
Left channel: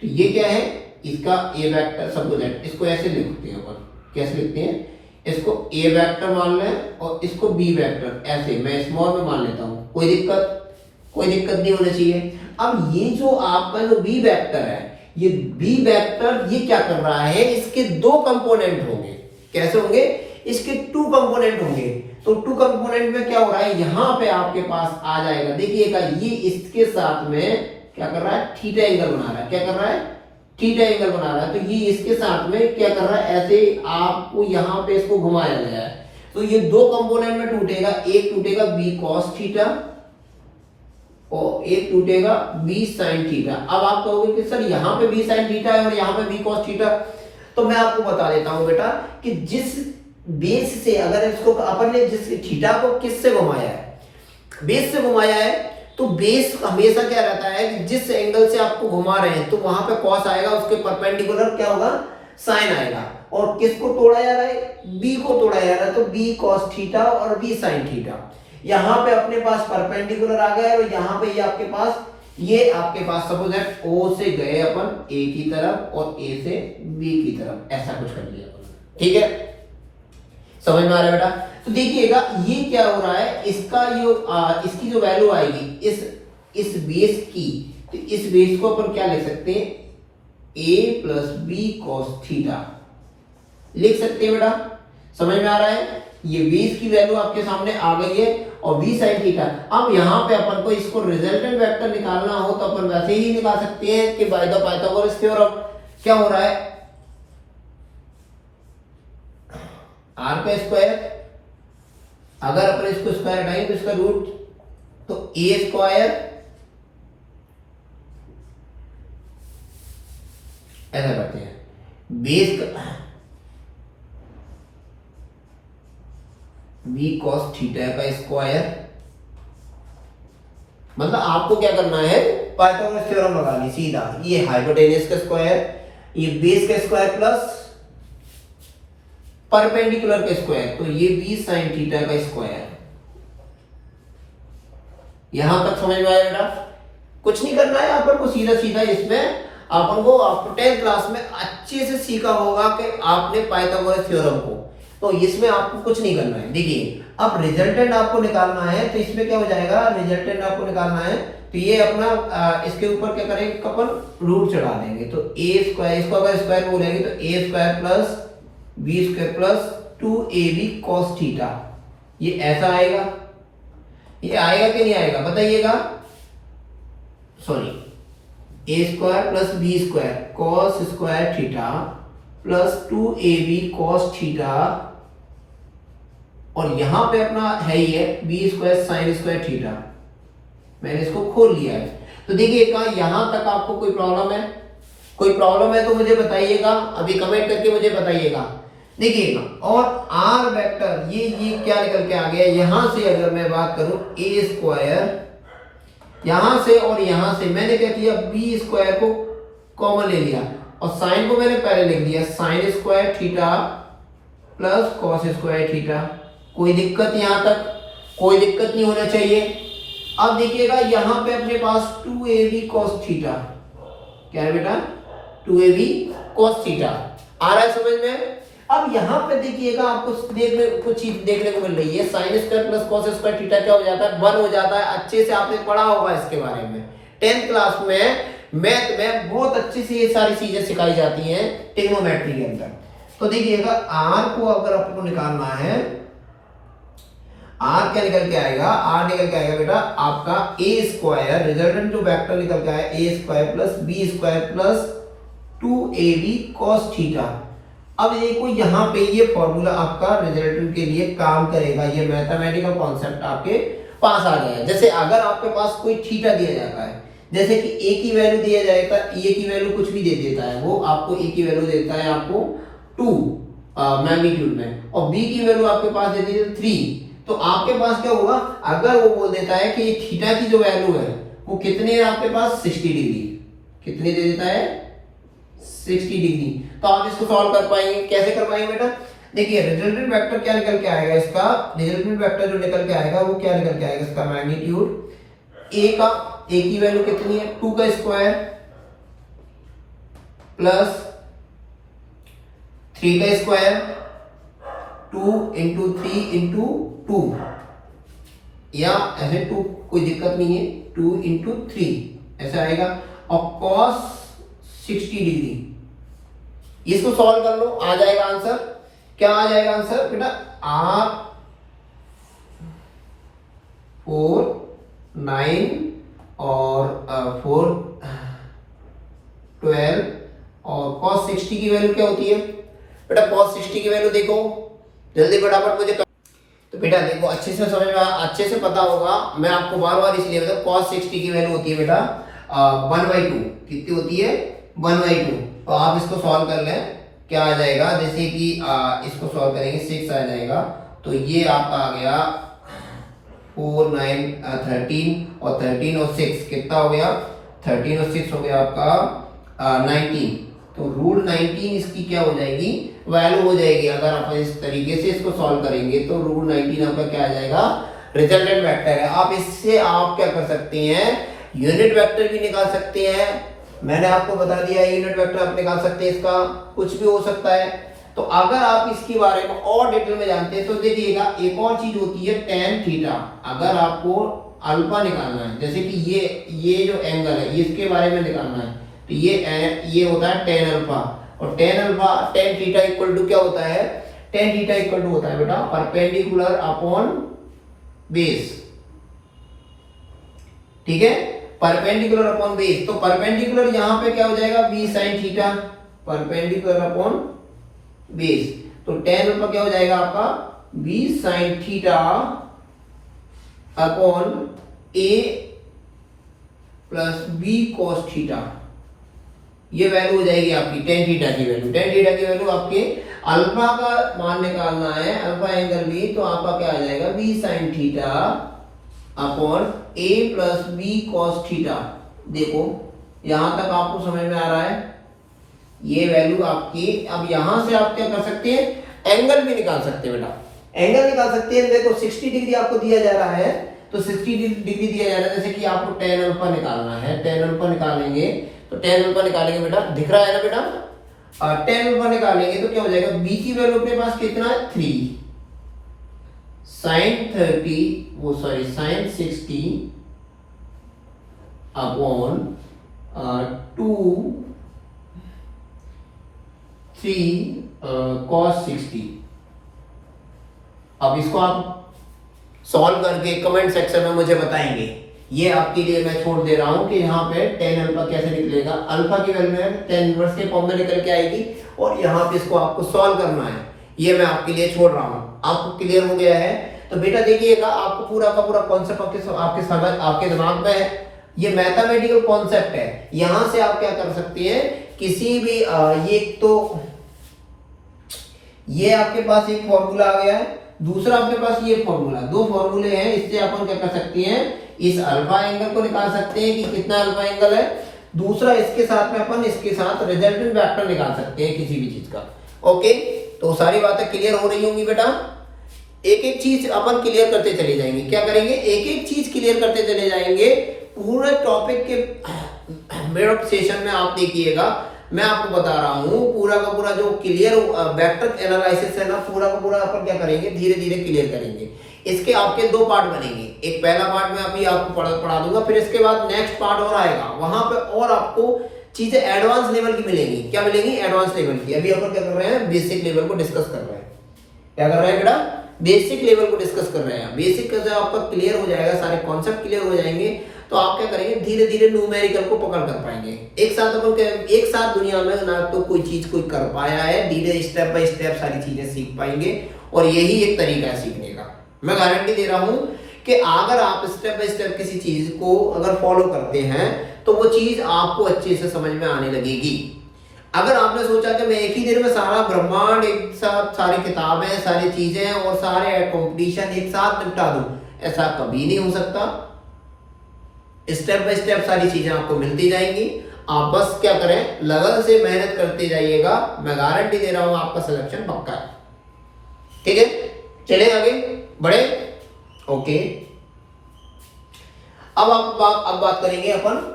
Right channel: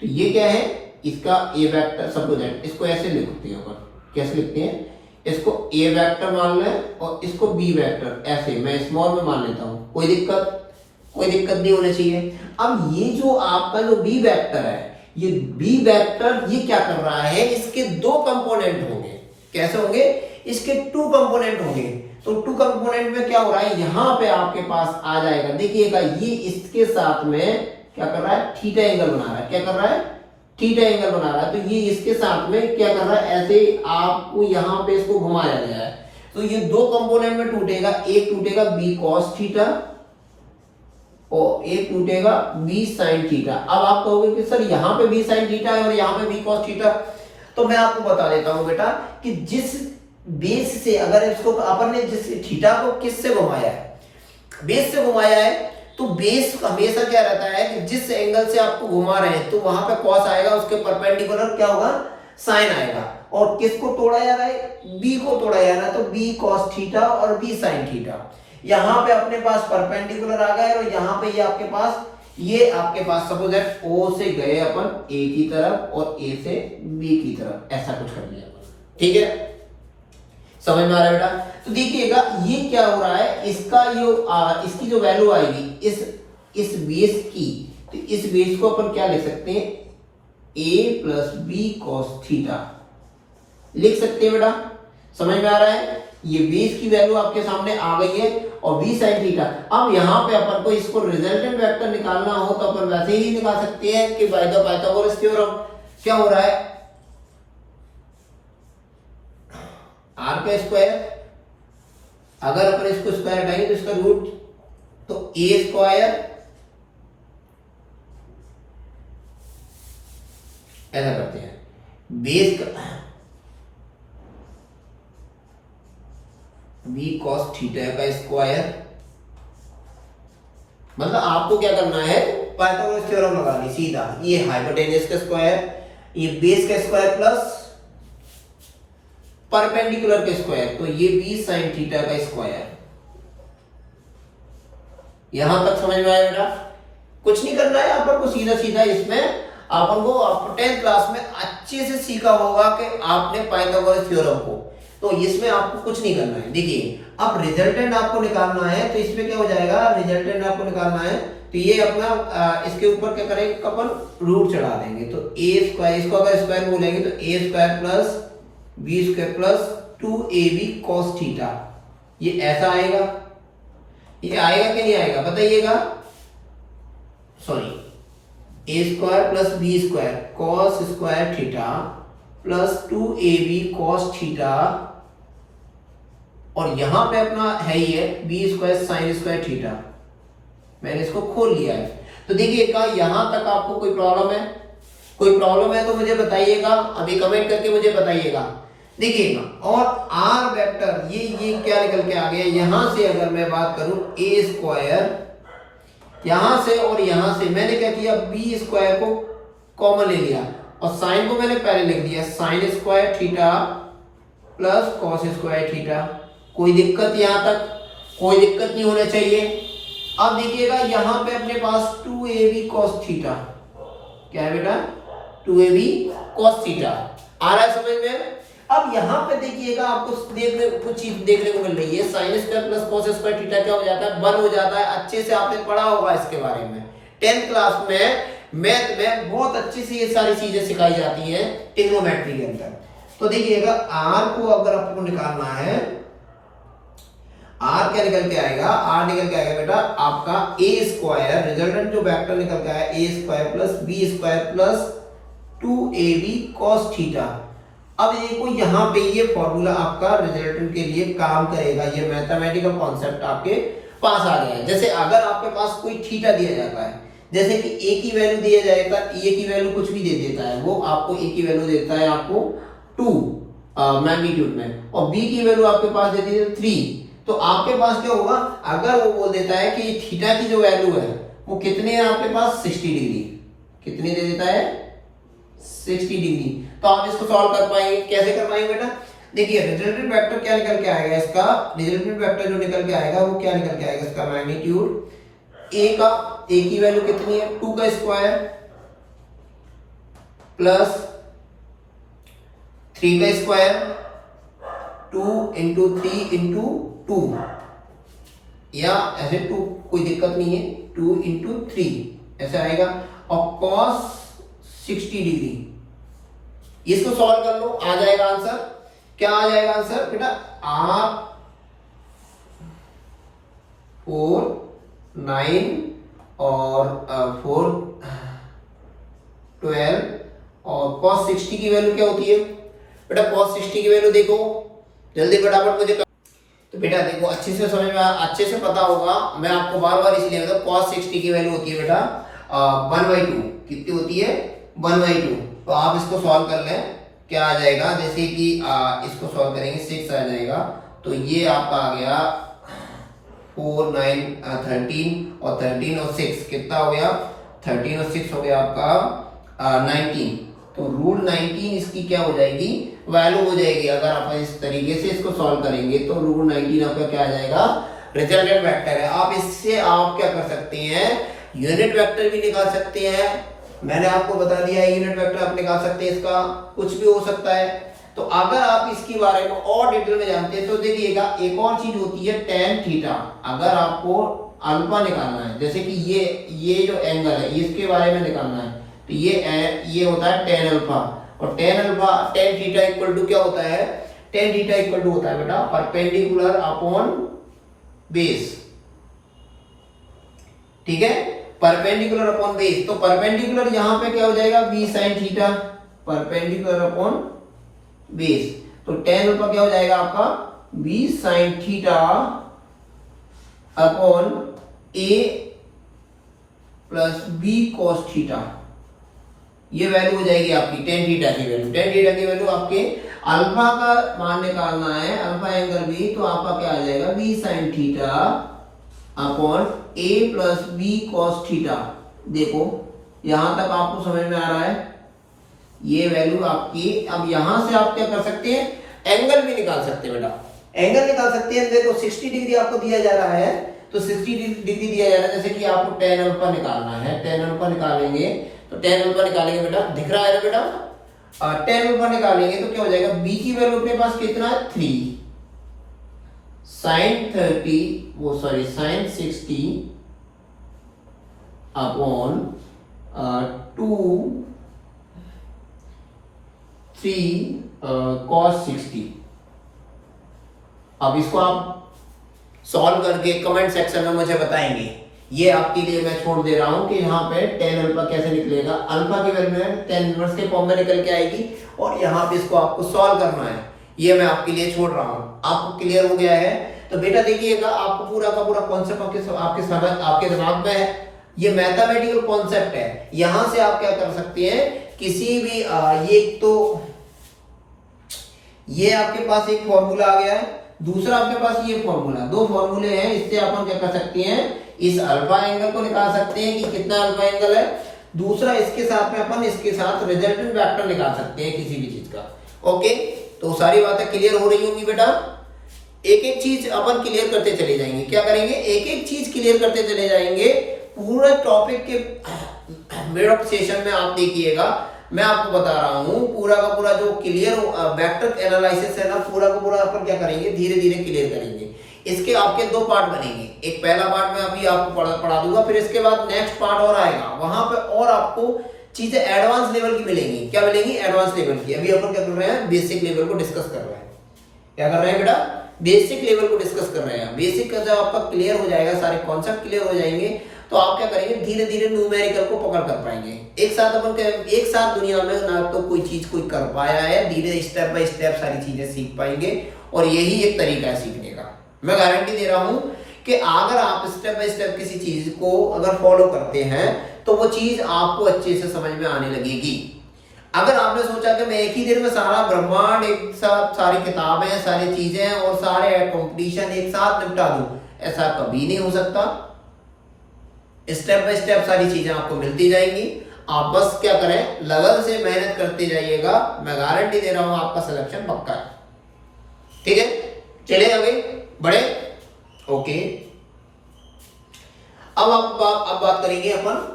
तो ये क्या है, इसका ए वेक्टर सपोज इसको ऐसे लिखते हैं। कैसे लिखते हैं, इसको ए वेक्टर मान लें और इसको बी वेक्टर, ऐसे मैं स्मॉल में मान लेता हूं। कोई दिक्कत नहीं होनी चाहिए। अब ये जो आपका जो बी वेक्टर है, ये बी वेक्टर ये क्या कर रहा है, इसके दो कंपोनेंट होंगे। कैसे होंगे, इसके टू कंपोनेंट होंगे। तो टू कंपोनेंट में क्या हो रहा है, यहां पे आपके पास आ जाएगा, देखिएगा ये इसके साथ में क्या कर रहा है, थीटा एंगल बना रहा है। क्या कर रहा है, थीटा एंगल बना रहा है। तो ये इसके साथ में क्या कर रहा है, ऐसे आपको यहां पे इसको घुमाया गया है। तो ये दो कंपोनेंट में टूटेगा, एक टूटेगा बी कॉस थीटा और एक टूटेगा बी साइन थीटा। अब आप कहोगे कि सर यहाँ पे बी साइन थीटा है और यहाँ पे बी कॉस थीटा, तो मैं आपको बता देता हूं बेटा कि जिस बेस से अगर इसको अपन ने जिस थीटा को किससे घुमाया है, बेस से घुमाया है, तो बेस हमेशा क्या रहता है कि जिस एंगल से आपको घुमा रहे हैं तो वहां पे कॉस आएगा, उसके परपेंडिकुलर क्या होगा, साइन आएगा। और किसको तोड़ा जा रहा है, बी को तोड़ा जा रहा है, तो बी कॉस थीटा और बी साइन थीटा। यहां पे अपने पास परपेंडिकुलर आ गए और यहां पे ये आपके पास सपोज है ओ से गए अपन ए की तरफ और ए से बी की तरफ, ऐसा कुछ कर लिया अपन। ठीक है, समझ में आ रहा है बेटा? तो देखिएगा ये क्या हो रहा है, इसका जो इसकी जो वैल्यू आएगी इस बेस की, तो इस बेस को अपन क्या लिख सकते हैं, a plus B cos theta लिख सकते हैं बेटा। समझ में आ रहा है, ये बेस की वैल्यू आपके सामने आ गई है और बी साइन थीटा। अब यहां पे अपन को इसको रिजल्टेंट वेक्टर निकालना हो तो अपन वैसे ही निकाल सकते हैं कि बाय द पाइथागोरस थ्योरम। क्या हो रहा है, आर का स्क्वायर, अगर अपन इसको स्क्वायर हटाएंगे तो इसका रूट, तो ए स्क्वायर ऐसा करते हैं, बेस बी कॉस थीटा का स्क्वायर, मतलब आपको क्या करना है, पाइथागोरस थ्योरम लगानी सीधा। ये हाइपोटेन्यूज का स्क्वायर, ये बेस का स्क्वायर प्लस परपेंडिकुलर का स्क्वायर, तो ये बी साइन थीटा का स्क्वायर। यहां तक समझ में आया बेटा? कुछ नहीं करना है अपन को, सीधा सीधा इसमें अपन को, आप 10th क्लास में अच्छे से सीखा होगा कि आपने पाइथागोरस थ्योरम को, तो इसमें आपको कुछ नहीं करना है। देखिए अब रिजल्टेंट आपको निकालना है, तो इसमें क्या हो जाएगा, रिजल्टेंट आपको निकालना है, तो ये अपना इसके ऊपर क्या करेंगे, अपन रूट चढ़ा देंगे, तो ए स्क्वायर, इसको अगर स्क्वायर बोलेंगे तो ए square plus B square plus 2ab cos theta, ये ऐसा आएगा। ये आएगा कि नहीं आएगा बताइएगा? Sorry, A square plus B square cos square theta plus 2ab cos theta, और यहां पे अपना है ही है B square sine square theta, मैंने इसको खोल लिया है। तो देखिएगा यहां तक आपको कोई प्रॉब्लम है? कोई प्रॉब्लम है तो मुझे बताइएगा, अभी कमेंट करके मुझे बताइएगा। देखिएगा, और आर वेक्टर ये क्या निकल के आ गया, यहां से अगर मैं बात करूं ए स्क्वायर, यहां से और यहां से मैंने क्या किया, बी स्क्वायर को कॉमन ले लिया और साइन को मैंने पहले लिख दिया, sign square theta plus cos square theta. कोई दिक्कत यहां तक? कोई दिक्कत नहीं होना चाहिए। अब देखिएगा यहां पे अपने पास 2ab cos थीटा, क्या है बेटा, 2ab cos थीटा आ रहा है समझ में? अब यहां पे देखिएगा आपको कुछ चीज देखने को मिल रही है, sine square plus cos square theta क्या हो जाता है, 1 हो जाता है। अच्छे से आपने पढ़ा होगा इसके बारे में 10th क्लास में, मैथ में बहुत अच्छी से ये सारी चीजें सिखाई जाती हैं ट्रिग्नोमेट्री के अंदर। तो देखिएगा आर को अगर आपको निकालना है, आर क्या निकल के आएगा, आर निकल के आएगा बेटा आपका ए स्क्वायर, रिजल्टेंट जो वेक्टर निकल के आया A square plus B square plus 2ab cos theta. अब देखो यहाँ पे ये फॉर्मूला आपका रिजल्टेंट के लिए काम करेगा, ये मैथमेटिकल कॉन्सेप्ट आपके पास आ गया है। जैसे अगर आपके पास कोई थीटा दिया जाता है, जैसे कि ए की वैल्यू दिया जाएगा, ए की वैल्यू कुछ भी दे देता है, वो आपको ए की वैल्यू देता है आपको 2 मैग्नीट्यूड में, और बी की वैल्यू आपके पास दे दी 3, तो आपके पास क्या होगा, अगर वो बोल देता है कि थीटा की जो वैल्यू है वो कितनी है आपके पास, 60 डिग्री, कितनी दे देता है, 60 डिग्री, तो आप इसको सॉल्व कर पाएंगे। कैसे कर पाएंगे बेटा? देखिए रिजल्टेंट वेक्टर क्या निकल के आएगा, इसका रिजल्टेंट वेक्टर जो निकल के आएगा वो क्या निकल के आएगा, इसका मैग्नीट्यूड ए का, ए की वैल्यू कितनी है, 2 का स्क्वायर प्लस 3 का स्क्वायर, 2 इंटू 3 इंटू 2, या ऐसे 2 कोई दिक्कत नहीं है, 2 इंटू 3 ऐसे आएगा, और cos 60 डिग्री, इसको सॉल्व कर लो, आ जाएगा आंसर। क्या आ जाएगा आंसर बेटा, R 4 9 और 4 12, और cos 60 की वैल्यू क्या होती है बेटा, cos 60 की वैल्यू देखो जल्दी फटाफट मुझे। तो बेटा देखो अच्छे से समझ में, अच्छे से पता होगा, मैं आपको बार बार इसलिए बता, cos 60 की वैल्यू होती है बेटा 1/2, कितनी होती है, 1/2। तो आप इसको सॉल्व कर लें, क्या आ जाएगा, जैसे कि इसको सॉल्व करेंगे 6 आ जाएगा, तो ये आपका आ गया 4 9 13, और 13 और 6 कितना हो गया, 13 और 6 हो गया आपका 19, तो रूट 19 इसकी क्या हो जाएगी, वैल्यू हो जाएगी। अगर आप इस तरीके से इसको सॉल्व करेंगे तो रूट 19 आपका क्या आ जाएगा, रिजल्टेंट वेक्टर है। आप इससे आप क्या कर सकते हैं, यूनिट वेक्टर भी निकाल सकते हैं, मैंने आपको बता दिया है यूनिट वेक्टर आप निकाल सकते हैं, इसका कुछ भी हो सकता है। तो अगर आप इसके बारे में और डिटेल में जानते हैं तो देखिएगा एक और चीज होती है tan थीटा। अगर आपको अल्फा निकालना है, जैसे कि ये जो एंगल है इसके बारे में निकालना है, तो ये होता है tan अल्फा, और tan थीटा इक्वल टू क्या होता है, tan थीटा इक्वल टू होता है बेटा परपेंडिकुलर अपॉन बेस, ठीक है, परपेंडिकुलर अपॉन बेस। तो परपेंडिकुलर यहां पे क्या हो जाएगा, b sin theta, perpendicular upon base, तो tan अल्फा क्या हो जाएगा आपका b sin theta upon a plus b cos theta, ये वैल्यू हो जाएगी आपकी टेन थीटा की वैल्यू। टेन थीटा की वैल्यू आपके अल्फा का मान निकालना है, अल्फा एंगल बी, तो आपका क्या आ जाएगा बी साइन थीटा अपॉन ए प्लस बी कॉस थीटा। देखो यहां तक आपको समझ में आ रहा है, ये वैल्यू आपकी। अब यहां से आप क्या कर सकते हैं, एंगल भी निकाल सकते हैं बेटा, एंगल निकाल सकते हैं। देखो 60 डिग्री आपको दिया जा रहा है, तो 60 डिग्री दिया जा रहा है, जैसे कि आपको टेन अल्फा निकालना है, टेन अल्फा निकालेंगे तो टेन अल्फा निकालेंगे बेटा, दिख रहा है ना बेटा, और टेन अल्फा निकालेंगे तो क्या हो जाएगा, बी की वैल्यू अपने पास कितना है 3 साइन 30 वो सॉरी साइन 60 अपॉन 2 3 cos 60। अब इसको आप सॉल्व करके कमेंट सेक्शन में मुझे बताएंगे। ये आपके लिए मैं छोड़ दे रहा हूं कि यहाँ पे टेन अल्फा कैसे निकलेगा, अल्फा की वैल्यू है टेन इनवर्स के फॉर्म में निकल के आएगी, और यहाँ पे इसको आपको सॉल्व करना है, ये मैं आपके लिए छोड़ रहा हूँ। आपको क्लियर हो गया है? तो बेटा देखिएगा, आपको पूरा का पूरा कॉन्सेप्ट आपके समझ आपके दिमाग में है, ये मैथमेटिकल कॉन्सेप्ट है। यहां से आप क्या कर सकते हैं, किसी भी ये तो ये आपके पास एक फॉर्मूला आ गया है, दूसरा आपके पास ये फॉर्मूला, दो फॉर्मूले हैं, इससे अपन क्या कर सकते हैं, इस अल्फा एंगल को निकाल सकते हैं कि कितना अल्फा एंगल है, दूसरा इसके साथ में अपन इसके साथ रिजल्टेंट वेक्टर निकाल सकते हैं किसी भी चीज का। ओके, तो सारी बातें क्लियर हो रही होंगी बेटा। एक एक चीज अपन क्लियर करते चले जाएंगे। क्या करेंगे, एक एक चीज क्लियर करते चले जाएंगे। पूरे टॉपिक के मिड ऑफ सेशन में आप देखिएगा, मैं आपको बता रहा हूं, पूरा का पूरा जो क्लियर वेक्टर एनालिसिस है ना, पूरा का पूरा अपन क्या करेंगे, धीरे धीरे क्लियर करेंगे। इसके आपके दो पार्ट बनेंगे, एक पहला पार्ट मैं अभी आपको पढ़ा दूंगा, फिर इसके बाद नेक्स्ट पार्ट और आएगा, वहां पे और आपको चीजें एडवांस लेवल की मिलेंगी। क्या मिलेंगी, एडवांस लेवल की। अभी अपन क्या कर रहे हैं, बेसिक लेवल को डिस्कस कर रहे हैं। क्या कर रहे हैं बेटा, बेसिक लेवल को डिस्कस कर रहे हैं। बेसिक का जब आपका क्लियर हो जाएगा, सारे कॉन्सेप्ट क्लियर हो जाएंगे, तो आप क्या करेंगे, धीरे धीरे न्यूमेरिकल को पकड़ कर पाएंगे। एक साथ अपन एक साथ दुनिया में ना तो कोई चीज कोई कर पाया है, धीरे स्टेप बाय स्टेप सारी चीजें सीख पाएंगे, और यही एक तरीका है सीखने का। मैं गारंटी दे रहा हूं कि अगर आप स्टेप बाय स्टेप किसी चीज को अगर फॉलो करते हैं तो वो चीज आपको अच्छे से समझ में आने लगेगी। अगर आपने सोचा कि मैं एक ही दिन में सारा ब्रह्मांड एक साथ, सारी किताबें, सारी चीजें और सारे कंपटीशन एक साथ निपटा दूं, ऐसा कभी नहीं हो सकता। स्टेप बाय स्टेप सारी चीजें आपको मिलती जाएंगी। आप बस क्या करें, लगन से मेहनत करते जाइएगा, मैं गारंटी दे रहा हूं आपका सिलेक्शन पक्का है। ठीक है, चले आगे बढ़े। ओके, अब बात करेंगे अपन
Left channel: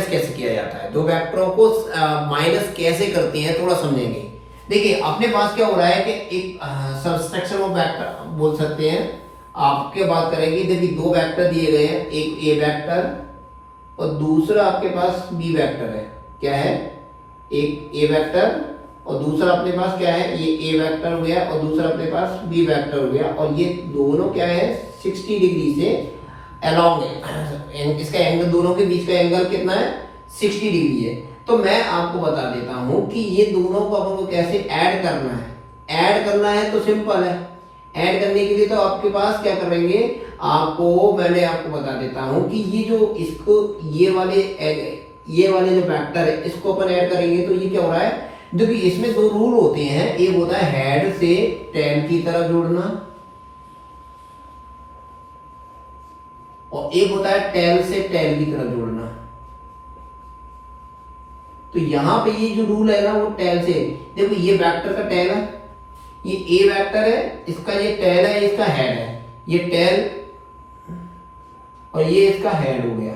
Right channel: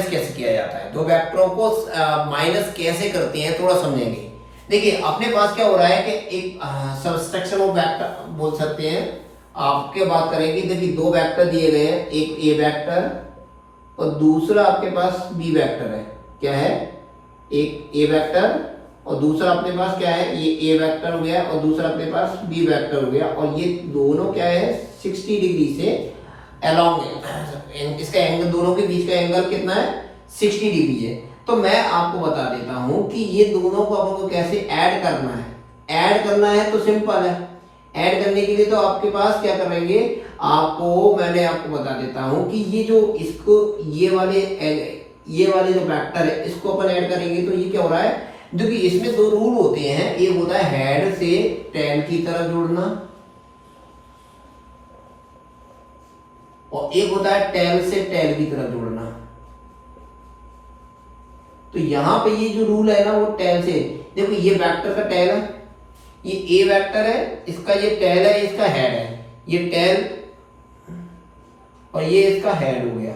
कैसे किया जाता है, दो वेक्टरों को माइनस कैसे करते हैं, थोड़ा समझेंगे। देखिए अपने पास क्या हो रहा है कि एक सबस्ट्रक्शन ऑफ वेक्टर बोल सकते हैं। आपके बात करेंगे, देखिए दो वेक्टर दिए गए हैं, एक ए वेक्टर और दूसरा आपके पास बी वेक्टर है। क्या है, एक ए वेक्टर और दूसरा अपने पास क्या है, ये ए वेक्टर हो गया और दूसरा अपने पास बी वेक्टर हो गया, और ये दोनों क्या है 60 डिग्री से अलोंग है। इसका एंगल, दोनों के बीच का एंगल कितना है 60 डिग्री है। तो मैं आपको बता देता हूं कि ये दोनों को अपन को कैसे ऐड करना है। ऐड करना है तो सिंपल है, ऐड करने के लिए तो आपके पास क्या करेंगे, मैंने आपको बता देता हूं कि ये जो इसको ये वाले जो वेक्टर है इसको अपन ऐड करेंगे तो ये क्या हो रहा है, देखिए इसमें दो रूल होते हैं, एक होता है हेड से टेल की तरफ जोड़ना और एक होता है टेल से टेल की तरफ जोड़ना। तो यहां पे ये जो रूल है ना वो टेल से, देखो ये वेक्टर का टेल है, ये ए वेक्टर है, इसका ये टेल है, इसका हेड है, ये टेल और ये इसका हेड हो गया।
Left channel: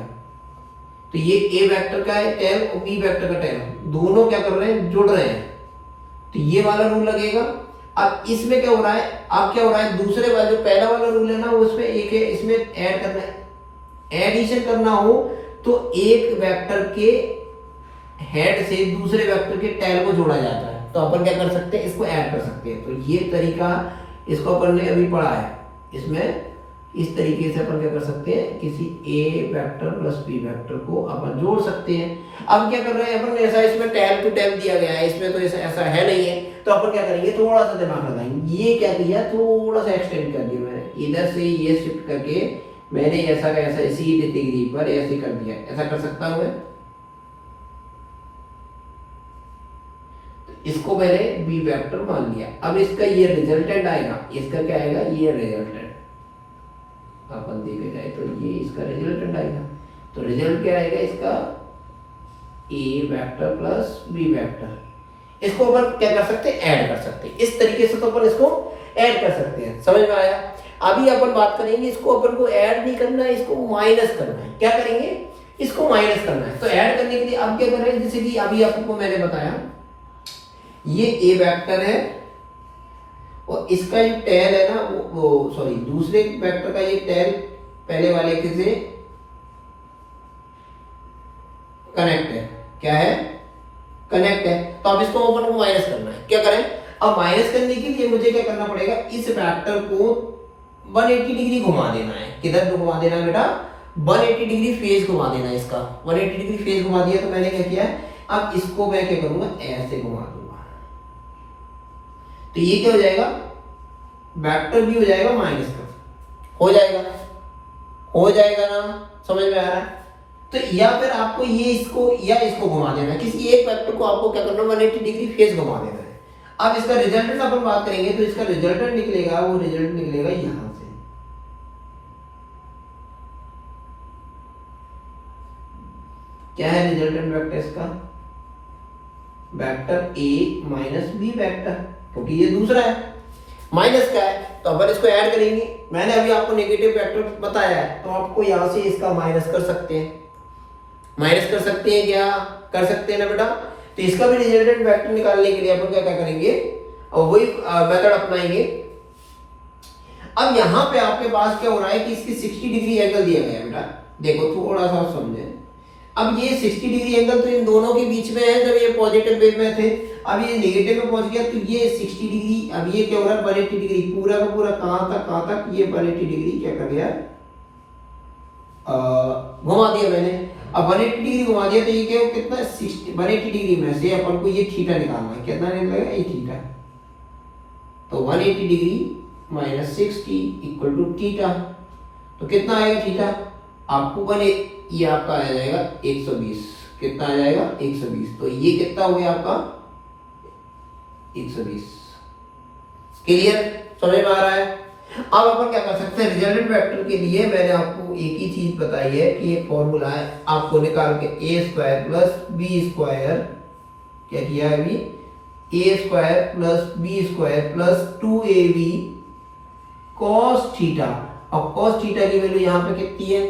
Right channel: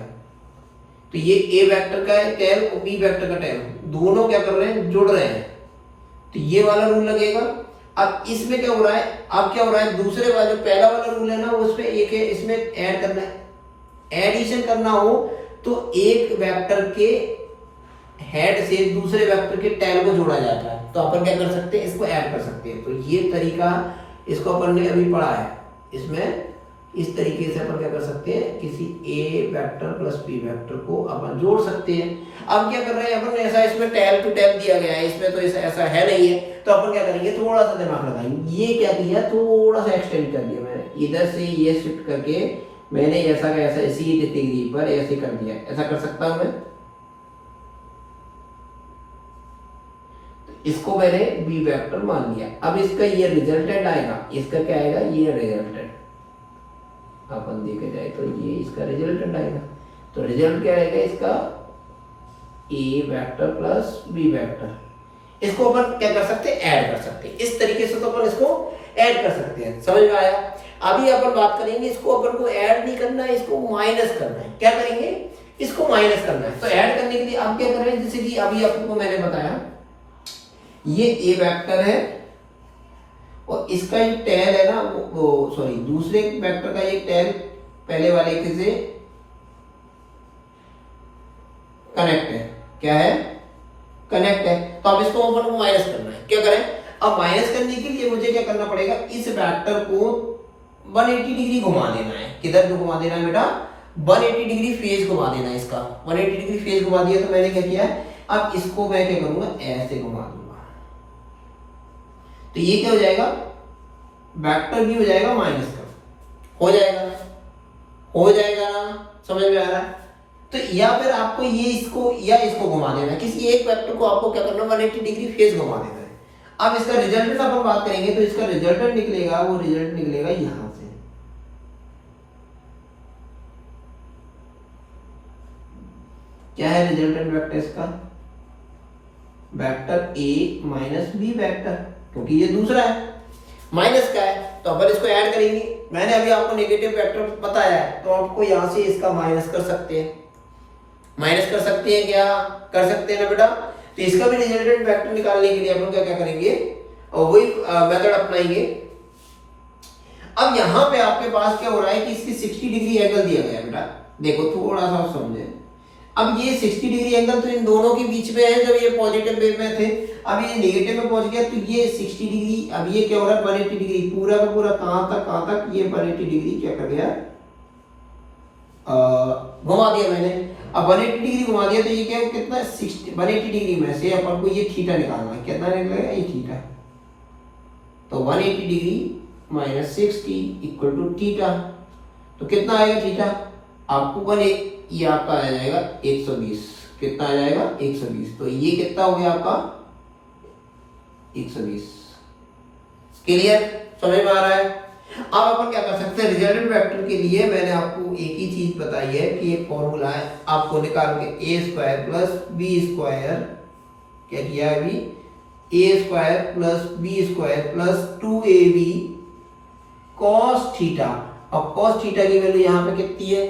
तो ये ए वेक्टर का है टेल और बी वेक्टर का टेल, दोनों क्या कर रहे हैं, जुड़ रहे हैं, तो ये वाला रूल लगेगा। अब इसमें क्या हो रहा है, अब क्या हो रहा है, दूसरे वाला जो पहला वाला रूल है ना उसमें एक है, इसमें ऐड करना है, एडिशन करना हो तो एक वेक्टर के हेड से दूसरे वेक्टर के टेल को जोड़ा जाता है, तो अपन क्या कर सकते हैं, इसको ऐड कर सकते हैं। तो ये तरीका इसको अपन ने अभी पढ़ा है, इसमें इस तरीके से अपन क्या कर सकते हैं, किसी ए वेक्टर प्लस बी वेक्टर को अपन जोड़ सकते हैं। अब क्या कर रहे हैं अपन, ऐसा इसमें टेल टू टेल दिया गया है, इसमें तो ऐसा है नहीं है, तो अपन क्या करेंगे, थोड़ा सा दिमाग लगाएंगे। ये क्या किया, थोड़ा सा एक्सटेंड कर दिया मैंने, इधर से ये शिफ्ट करके मैंने ऐसा इसी डिग्री पर ऐसे कर दिया। ऐसा कर सकता हूं मैं, इसको मैंने बी वेक्टर मान लिया। अब इसका ये रिजल्टेंट आएगा, इसका क्या आएगा, ये रिजल्टेंट अपन देखे जाए तो ये इसका रिजल्टेंट आएगा। तो रिजल्ट क्या आएगा इसका, ए वेक्टर प्लस बी वेक्टर। इसको अपन क्या कर सकते हैं, ऐड कर सकते हैं। इस तरीके से तो अपन इसको ऐड कर सकते हैं। समझ में आया। अभी अपन बात करेंगे, इसको अपन को ऐड नहीं करना है, इसको माइनस करना है। क्या करेंगे, इसको माइनस करना है। तो ऐड करने के लिए अब क्या करें, जैसे कि अभी आपको मैंने बताया ये ए वेक्टर है और इसका जो टेल है ना वो सॉरी दूसरे वेक्टर का ये टेल पहले वाले के से कनेक्ट है। क्या है, कनेक्ट है। तो अब इसको अपन को माइनस करना है। क्या करें, अब माइनस करने के लिए मुझे क्या करना पड़ेगा, इस वेक्टर को 180 डिग्री घुमा देना है। किधर तो घुमा देना है बेटा, 180 डिग्री फेज घुमा देना है इसका। 180 डिग्री फेज घुमा दिया तो मैंने क्या किया, अब इसको मैं क्या करूंगा, ऐसे घुमा दूंगा। तो ये क्या हो जाएगा, वेक्टर भी हो जाएगा माइनस का, हो जाएगा ना, समझ में आ रहा है। तो या फिर आपको ये इसको या इसको घुमा देना है, किसी एक वेक्टर को आपको क्या करना है, 180 डिग्री फेज घुमा देना है। अब इसका रिजल्टेंट अपन बात करेंगे तो इसका रिजल्टेंट निकलेगा, वो रिजल्ट निकलेगा यहां से। क्या है रिजल्टेंट वेक्टर इसका, vector A minus B vector, क्योंकि ये दूसरा है, माइनस का है। तो अपन इसको ऐड करेंगे। मैंने अभी आपको नेगेटिव वेक्टर बताया है तो आपको यहां से इसका माइनस कर सकते हैं। माइनस कर सकते हैं, क्या कर सकते हैं ना बेटा। तो इसका भी रिजल्टेंट वेक्टर निकालने के लिए अपन क्या करेंगे, और वही मेथड अपनाएंगे। अब यहाँ पे आपके पास क्या हो रहा है कि इसकी 60 डिग्री एंगल दिया गया है बेटा। देखो थोड़ा सा आप समझे, अब ये 60 डिग्री एंगल तो इन दोनों के बीच में है जब ये पॉजिटिव वेव में थे। अब ये नेगेटिव में पहुंच गया तो ये 60 डिग्री, अब ये क्या हो रहा है 180 डिग्री, पूरा का पूरा कहां तक ये 180 डिग्री क्या कर गया, घुमा दिया मैंने। अब 180 डिग्री घुमा दिया तो ये क्या कितना 60 180 डिग्री में से अपन को ये थीटा निकालना है। कितना निकलेगा, ये थीटा। तो 180 degree minus 60 equal to theta. तो कितना आएगा थीटा, आपको ये आपका आ जाएगा 120। कितना आ जाएगा, 120। तो ये कितना हो गया आपका 120। क्लियर, समझ में आ रहा है। अब अपन क्या कर सकते हैं, रिजल्टेंट वेक्टर के लिए मैंने आपको एक ही चीज बताई है कि एक फॉर्मूला है, आपको निकाल के A square plus B square, क्या किया है अभी, A square plus B square plus 2ab cos theta. अब कॉस थीटा की वैल्यू यहाँ पे कितनी है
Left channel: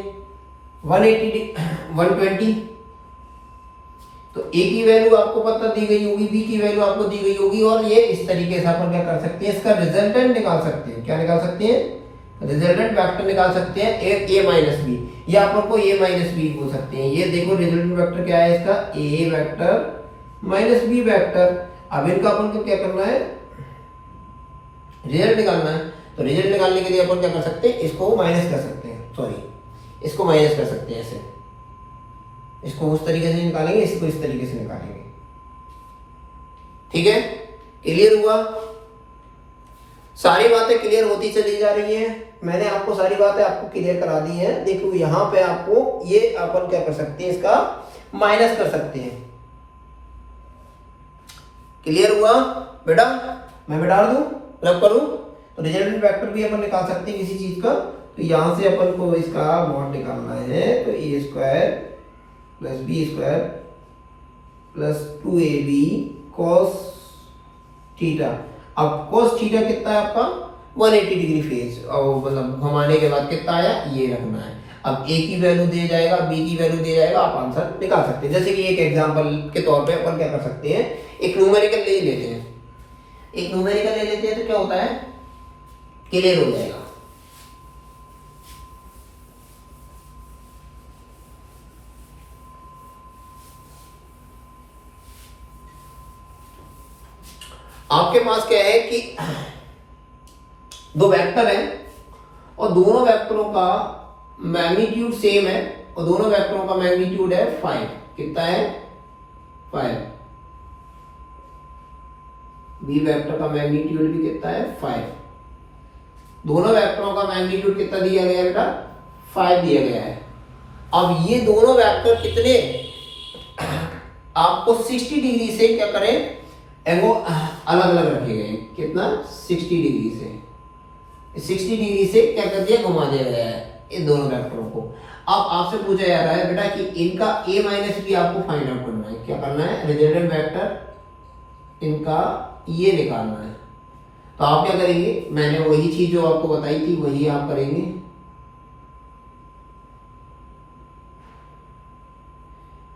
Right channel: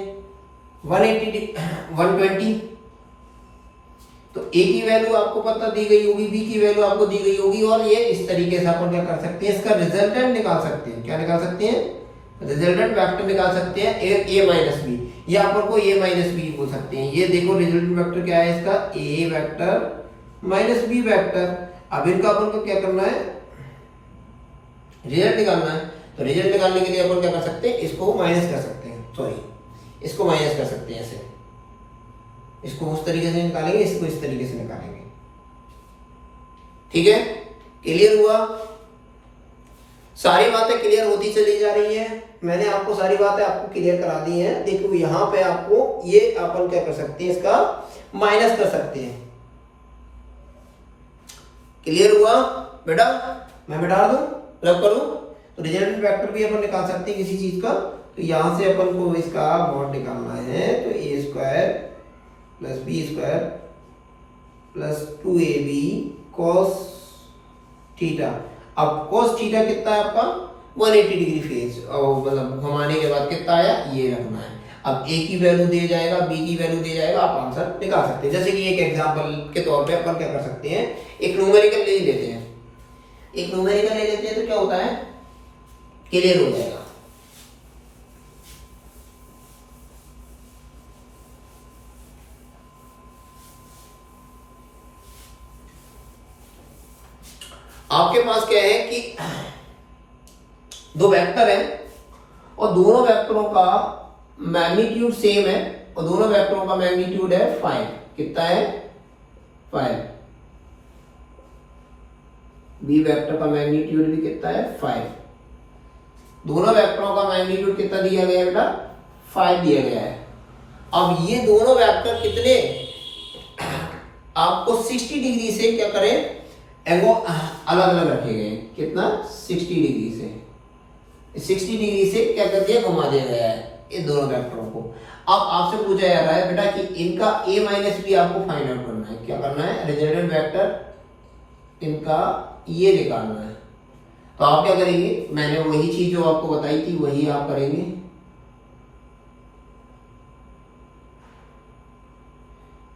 120। तो ए की वैल्यू आपको पता दी गई होगी, बी की वैल्यू आपको दी गई होगी, और ये इस तरीके से अपन क्या कर सकते हैं, इसका रिजल्टेंट निकाल सकते हैं। क्या निकाल सकते हैं, रिजल्टेंट वेक्टर निकाल सकते हैं, ए माइनस बी, या अपन को ए माइनस बी बोल सकते हैं। ये देखो रिजल्टेंट वेक्टर क्या है इसका, ए वेक्टर माइनस बी वेक्टर। अब इनका अपन को क्या करना है, रिजल्ट निकालना है। तो रिजल्ट निकालने के लिए अपन क्या कर सकते हैं, इसको माइनस कर सकते हैं, सॉरी इसको माइनस कर सकते हैं ऐसे। इसको उस तरीके से निकालेंगे, इसको इस तरीके से निकालेंगे। ठीक है, क्लियर हुआ, सारी बातें क्लियर होती चली जा रही है। मैंने आपको सारी बातें आपको क्लियर करा दी हैं। देखो यहां पे आपको ये अपन क्या कर सकते हैं, इसका माइनस कर सकते हैं। क्लियर हुआ बेटा, मैं बैठा दूं, रब करूं। तो रिजल्टेंट वेक्टर भी अपन निकाल सकते हैं किसी चीज का। तो यहां से अपन को इसका मॉड निकालना है, तो ए square plus B square plus 2ab cos theta. अब cos थीटा कितना है आपका 180 डिग्री फेज, और मतलब घुमाने के बाद कितना आया, ये रखना है। अब ए की वैल्यू दे जाएगा, बी की वैल्यू दे जाएगा, आप आंसर निकाल सकते हैं। जैसे कि एक एग्जांपल के तौर पे अपन क्या कर सकते हैं, एक न्यूमेरिकल ले लेते हैं। एक न्यूमेरिकल ले लेते हैं तो क्या होता है, क्लियर हो जाएगा। आपके पास क्या है कि दो वेक्टर हैं और दोनों वेक्टरों का मैग्नीट्यूड सेम है, और दोनों वेक्टरों का मैग्नीट्यूड है 5। कितना है 5। बी वेक्टर का मैग्नीट्यूड भी कितना है 5। दोनों वेक्टरों का मैग्नीट्यूड कितना दिया गया है बेटा 5 दिया गया है। अब ये दोनों वेक्टर कितने आपको 60 डिग्री से क्या करें, वो अलग अलग रखे गए, कितना 60 डिग्री से, 60 डिग्री से क्या कर दिया, घुमा दिया गया है इन दोनों वेक्टरों को। अब आपसे पूछा जा रहा है बेटा कि इनका a माइनस बी आपको फाइंड आउट करना है। क्या करना है, रिजल्टेंट वेक्टर इनका ये निकालना है। तो आप क्या करेंगे, मैंने वही चीज जो आपको बताई थी वही आप करेंगे।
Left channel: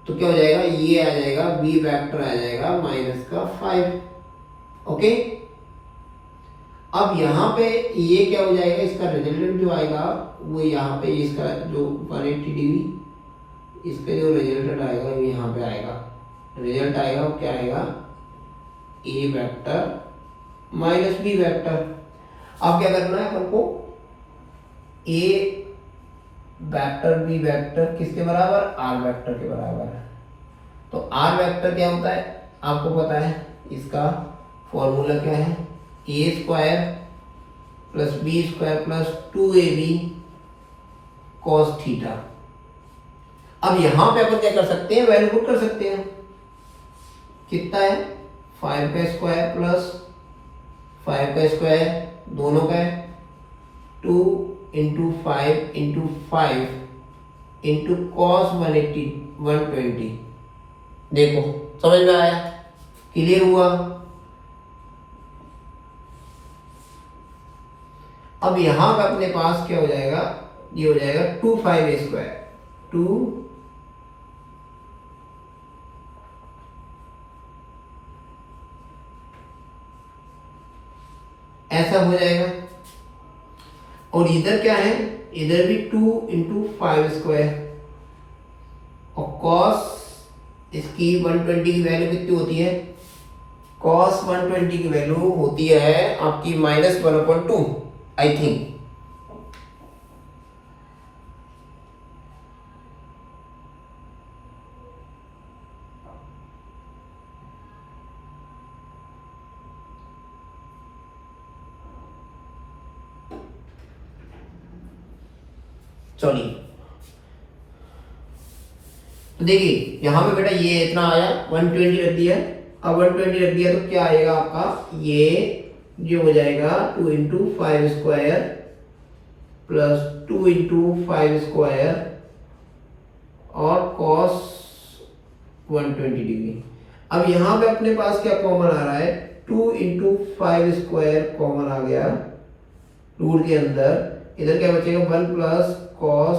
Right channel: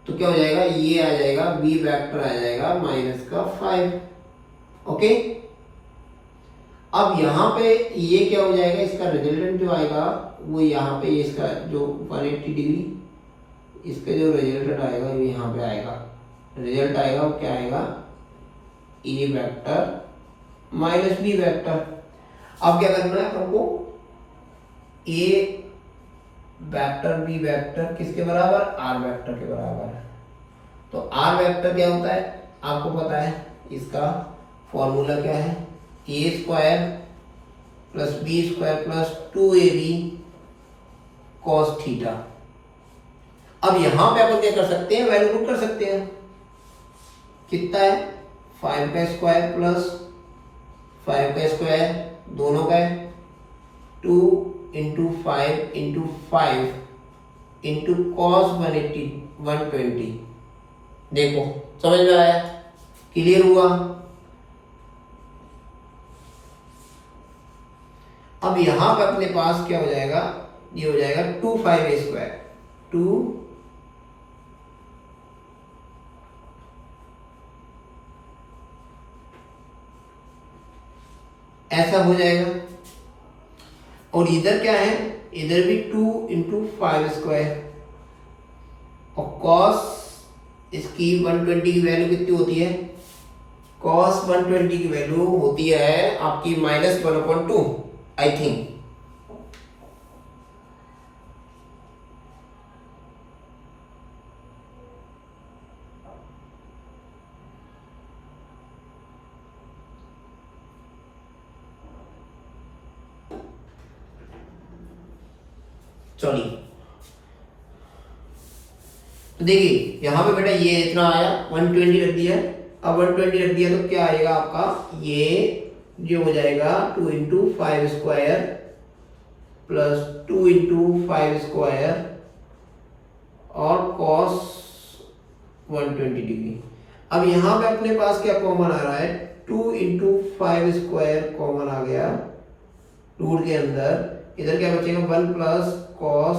तो क्या हो जाएगा, ये आ जाएगा बी वेक्टर आ जाएगा माइनस का 5। ओके, अब यहाँ पे ये क्या हो जाएगा, इसका रिजल्टेंट जो आएगा वो यहाँ पे इसका जो 180 डिग्री इसका जो रिजल्टेंट आएगा वो यहाँ पे आएगा। रिजल्ट आएगा वो क्या आएगा, ए वेक्टर माइनस बी वेक्टर। अब क्या करना है अपन को, ए वेक्टर बी वेक्टर किसके बराबर, आर वेक्टर के बराबर है। तो आर वेक्टर क्या होता है आपको पता है, इसका फॉर्मूला क्या है, A square plus B square plus 2ab cos theta. अब यहां पे अपन क्या कर सकते हैं, वैल्यू पुट कर सकते हैं। कितना है, 5 का स्क्वायर प्लस 5 का स्क्वायर दोनों का है 2 इंटू 5 इंटू 5 इंटू कॉस 120। देखो समझ में आया, क्लियर हुआ। अब यहां पे अपने पास क्या हो जाएगा, ये हो जाएगा 2 5 स्क्वायर 2 ऐसा हो जाएगा। और इधर क्या है, इधर भी 2 इंटू 5 स्क्वायर और कॉस इसकी 120 की वैल्यू कितनी होती है, कॉस 120 की वैल्यू होती है आपकी -1/2 आई थिंक। सॉरी, तो देखिए यहां पे बेटा ये इतना आया 120 रख दिया। अब 120 रख दिया तो क्या आएगा आपका, ये हो जाएगा 2 into 5 square plus 2 into 5 square और कॉस 120 डिग्री। अब यहां पे अपने पास क्या कॉमन आ रहा है, 2 इंटू 5 स्क्वायर कॉमन आ गया रूट के अंदर। इधर क्या बचेगा, 1 प्लस कॉस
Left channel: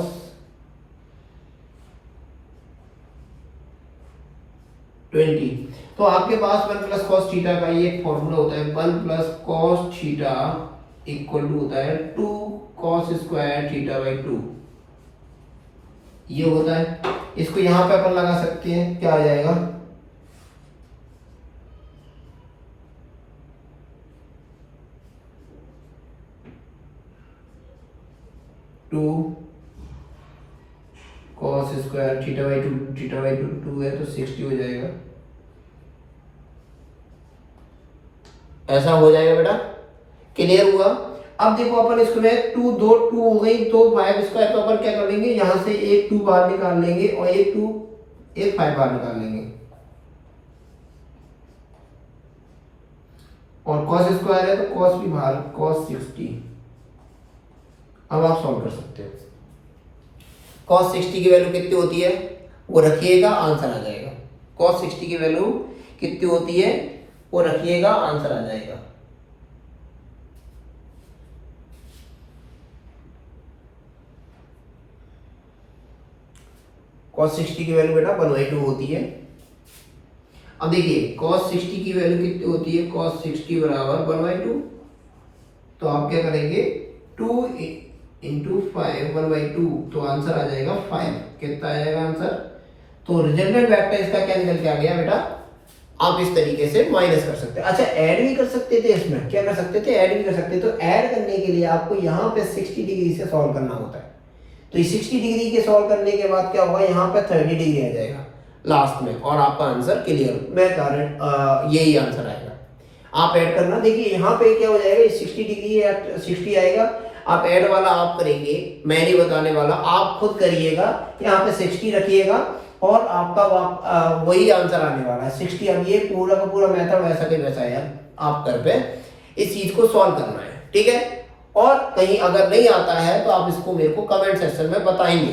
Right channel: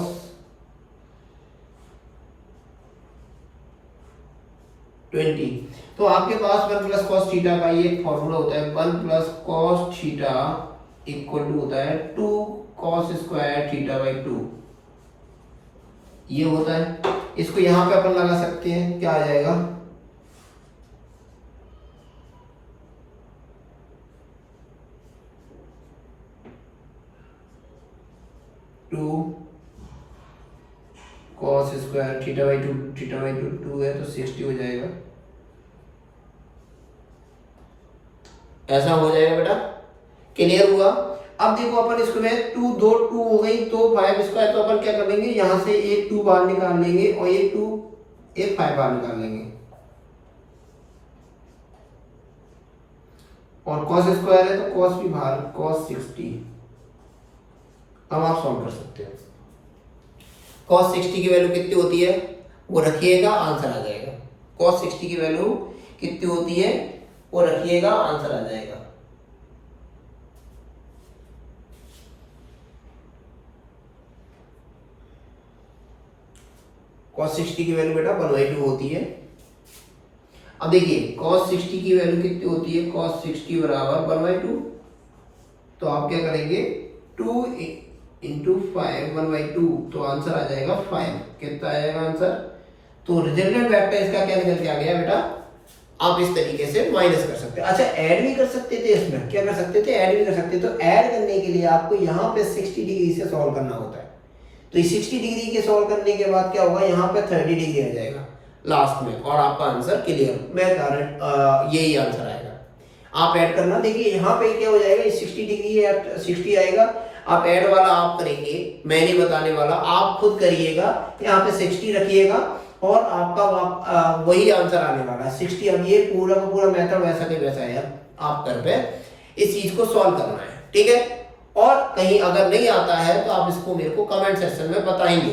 20। तो आपके पास 1 प्लस कॉस थीटा का ये फॉर्मूला होता है, 1 plus cos theta equal to होता है 2 कॉस स्क्वायर थीटा बाई 2। ये होता है, इसको यहां पे अपन लगा सकते हैं, क्या आ जाएगा, कॉस स्क्वायर थीटा बाई 2 है तो 60 हो जाएगा। ऐसा हो जाएगा बेटा, क्लियर हुआ। अब देखो अपन इसको में 2 हो गई तो 5 स्क्वायर, तो अपन क्या कर लेंगे, यहां से एक 2 बाहर निकाल लेंगे और एक 5 बाहर निकाल लेंगे। और कॉस स्क्वायर है तो कॉस भी बाहर, कॉस 60। अब आप सॉल्व कर सकते हो। cos 60 की वैल्यू कितनी होती है वो रखिएगा, आंसर आ जाएगा। cos 60 की वैल्यू कितनी होती है वो रखिएगा, आंसर आ जाएगा। cos 60 की वैल्यू बेटा 1/2 होती है। अब देखिए cos 60 की वैल्यू कितनी होती है, cos 60 बराबर 1/2। तो आप क्या करेंगे, 2 इंटू 5 1/2, तो आंसर आ जाएगा 5। कितना आ जाएगा आंसर, तो रिजल्टेंट वेक्टर इसका क्या निकल के आ गया बेटा, आप इस तरीके से माइनस कर सकते हैं। अच्छा ऐड भी कर सकते थे, इसमें क्या कर सकते थे, ऐड भी कर सकते थे। तो ऐड करने के लिए आपको यहाँ पे 60 डिग्री से सॉल्व करना होता है। तो ये 60 डिग्री के सॉल्व करने के बाद क्या होगा, यहाँ पे 30 डिग्री आ जाएगा लास्ट में और आपका आंसर क्लियर, मैं कारण यही आंसर आएगा। आप ऐड करना, देखिए यहाँ पे क्या हो जाएगा, 60 डिग्री या 60 आएगा। आप ऐड वाला आप करेंगे, मैं नहीं बताने वाला, आप खुद करिएगा। यहाँ पे 60 रखिएगा और आपका वही आंसर आने वाला है 60। अब ये पूरा का पूरा मेथड वैसा के वैसा है यार, आप कर पे इस चीज को सॉल्व करना है, ठीक है। और कहीं अगर नहीं आता है तो आप इसको मेरे को कमेंट सेक्शन में बताएंगे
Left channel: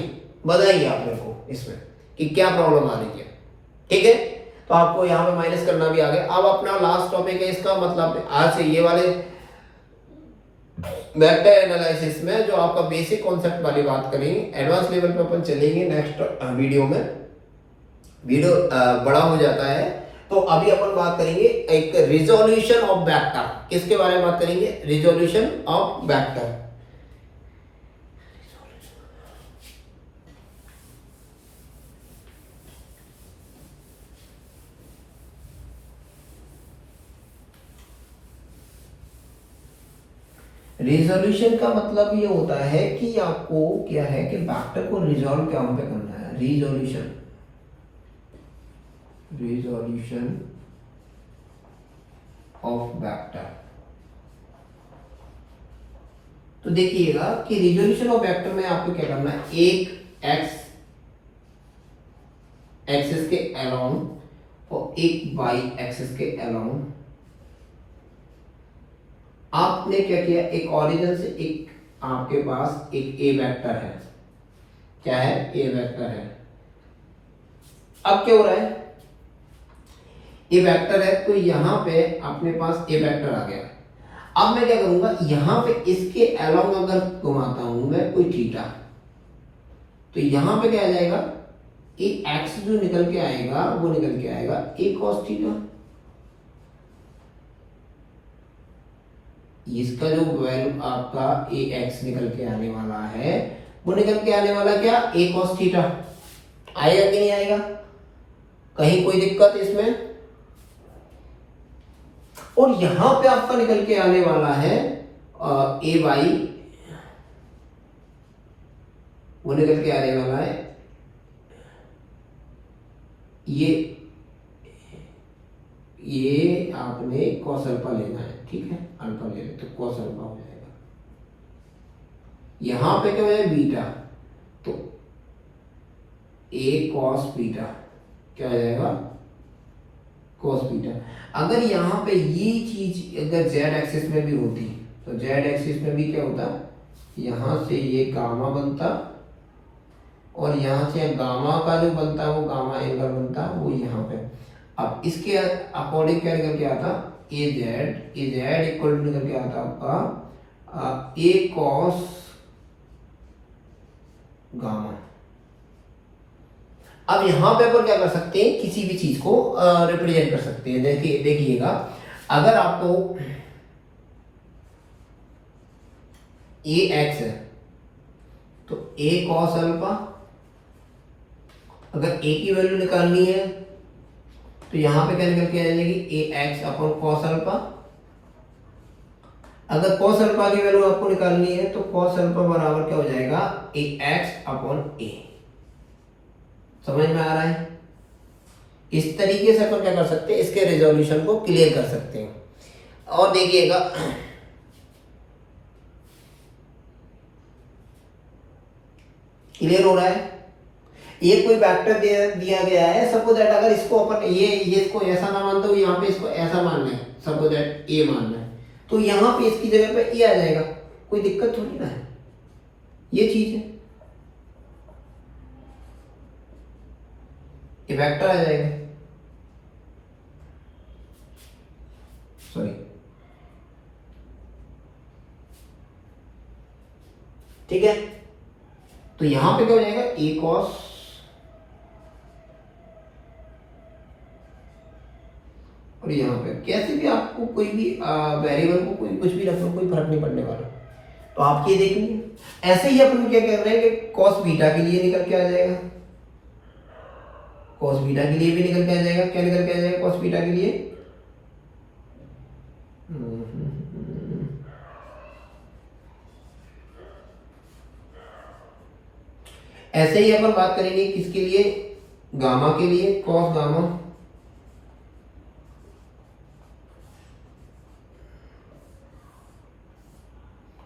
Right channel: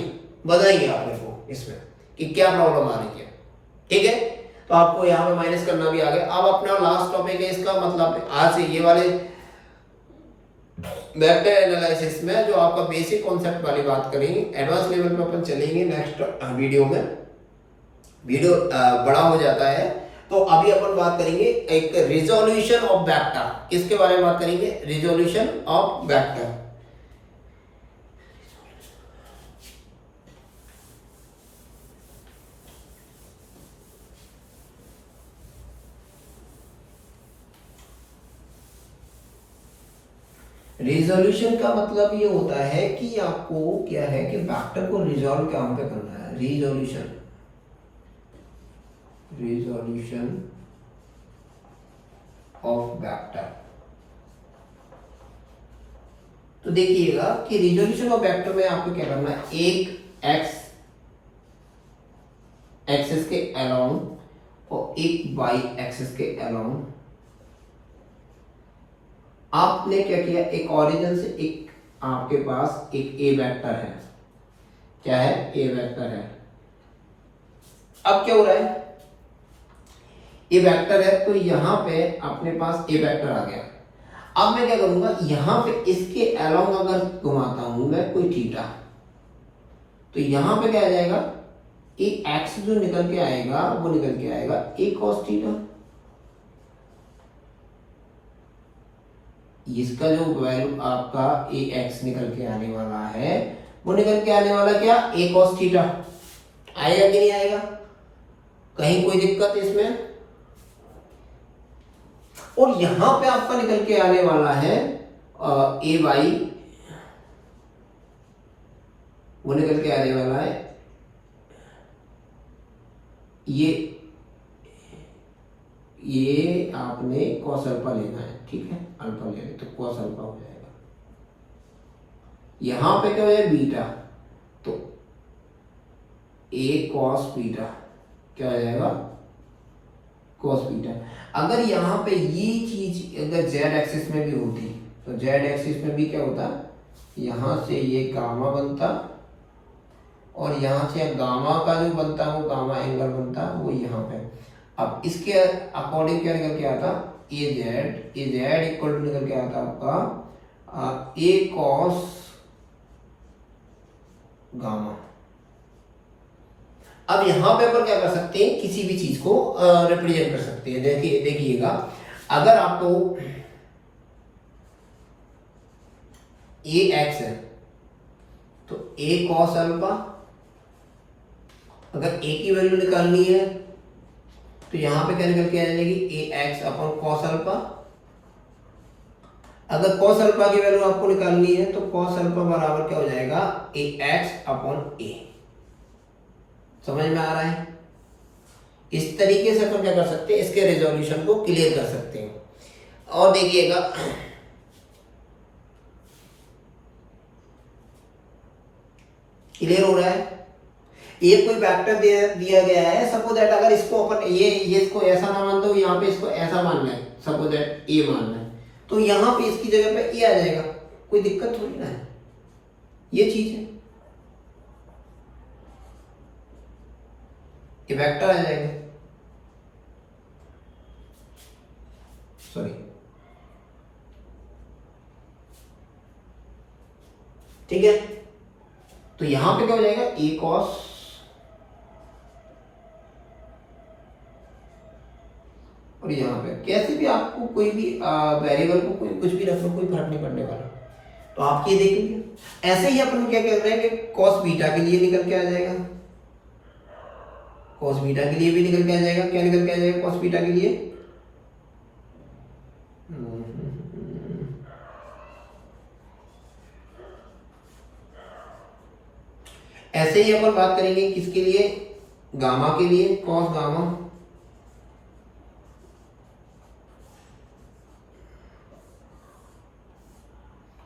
आप मेरे को इसमें कि क्या प्रॉब्लम आ रही है, ठीक है। तो आपको यहाँ पे माइनस करना भी आ गया। अब अपना लास्ट टॉपिक है इसका मतलब आज से ये वाले वेक्टर एनालिसिस में जो आपका बेसिक कॉन्सेप्ट वाली बात करेंगे, एडवांस लेवल पे अपन चलेंगे नेक्स्ट वीडियो में। वीडियो बड़ा हो जाता है तो अभी अपन बात करेंगे एक रिजोल्यूशन ऑफ वेक्टर। किसके बारे में बात करेंगे? Resolution of vector. रिजोल्यूशन का मतलब ये होता है कि आपको क्या है कि वेक्टर को रिजॉल्व कहां पे करना है। Resolution of vector. तो देखिएगा कि रिजोल्यूशन ऑफ वेक्टर में आपको क्या करना है, एक एक्स एक्सिस के अलोंग और एक वाई एक्सिस के अलोंग आपने क्या किया, एक ओरिजिन से एक आपके पास एक ए वेक्टर है। क्या है? ए वेक्टर है। अब क्या हो रहा है, ए वेक्टर है तो यहां पे अपने पास ए वेक्टर आ गया। अब मैं क्या करूंगा, यहां पे इसके अलोंग अगर घुमाता हूं मैं कोई थीटा, तो यहां पे क्या आ जाएगा, ए एक्स जो निकल के आएगा वो निकल के आएगा ए कॉस थीटा। इसका जो वैल्यू आपका ए एक्स निकल के आने वाला है वो निकल के आने वाला क्या, ए कॉस थीटा। आएगा कि नहीं आएगा? कहीं कोई दिक्कत इसमें? और यहां पे आपका निकल के आने वाला है ए वाई, वो निकल के आने वाला है ये आपने कॉस अल्फा लेना है, ठीक है। अल्फा ले तो कॉस अल्फा हो जाएगा। यहां पे क्या हो जाएगा, बीटा, तो ए कॉस बीटा क्या हो जाएगा, कॉस बीटा। अगर यहां पे ये चीज अगर जेड एक्सिस में भी होती तो जेड एक्सिस में भी क्या होता, यहां से ये गामा बनता और यहां से गामा का जो बनता वो गामा एंगल बनता वो यहां पे। अब इसके अकॉर्डिंग क्या निकल के आता, ए जेड इक्वल टू निकल के आता आपका ए कॉस गामा। अब यहां पे अपन क्या कर सकते हैं, किसी भी चीज को रिप्रेजेंट कर सकते हैं। देखिएगा अगर आपको ए एक्स है तो ए कॉस अल्फा, अगर ए की वैल्यू निकालनी है तो यहां पे क्या निकल के आ जाएगी, ए एक्स अपॉन कॉस अल्फा। अगर कॉस अल्फा की वैल्यू आपको निकालनी है तो कॉस अल्फा बराबर क्या हो जाएगा, ए एक्स अपॉन ए। समझ में आ रहा है? इस तरीके से अपन क्या कर सकते हैं, इसके रिजोल्यूशन को क्लियर कर सकते हैं। और देखिएगा क्लियर हो रहा है। ये कोई वेक्टर दिया गया है, सपोज दैट अगर इसको अपन ये इसको ऐसा ना मानते हो, यहाँ पे इसको ऐसा मान लें, सपोज दैट ए मान लें, तो यहाँ पे इसकी जगह पे ए आ जाएगा, कोई दिक्कत थोड़ी ना है। ये चीज है, ये वेक्टर आ जाएगा, सॉरी ठीक है। तो यहां पे क्या हो जाएगा, ए कॉस और यहाँ पे कैसे भी आपको कोई भी वेरिएबल को कोई कुछ भी रख लो, कोई फर्क नहीं पड़ने वाला। तो आप ये देखेंगे ऐसे ही अपन क्या कह रहे हैं कि कॉस बीटा के लिए निकल के आ जाएगा, कॉस बीटा के लिए भी निकल के आ जाएगा। क्या निकल के आ जाएगा कॉस बीटा के लिए, ऐसे ही अपन बात करेंगे किसके लिए, गामा के लिए, कॉस गामा।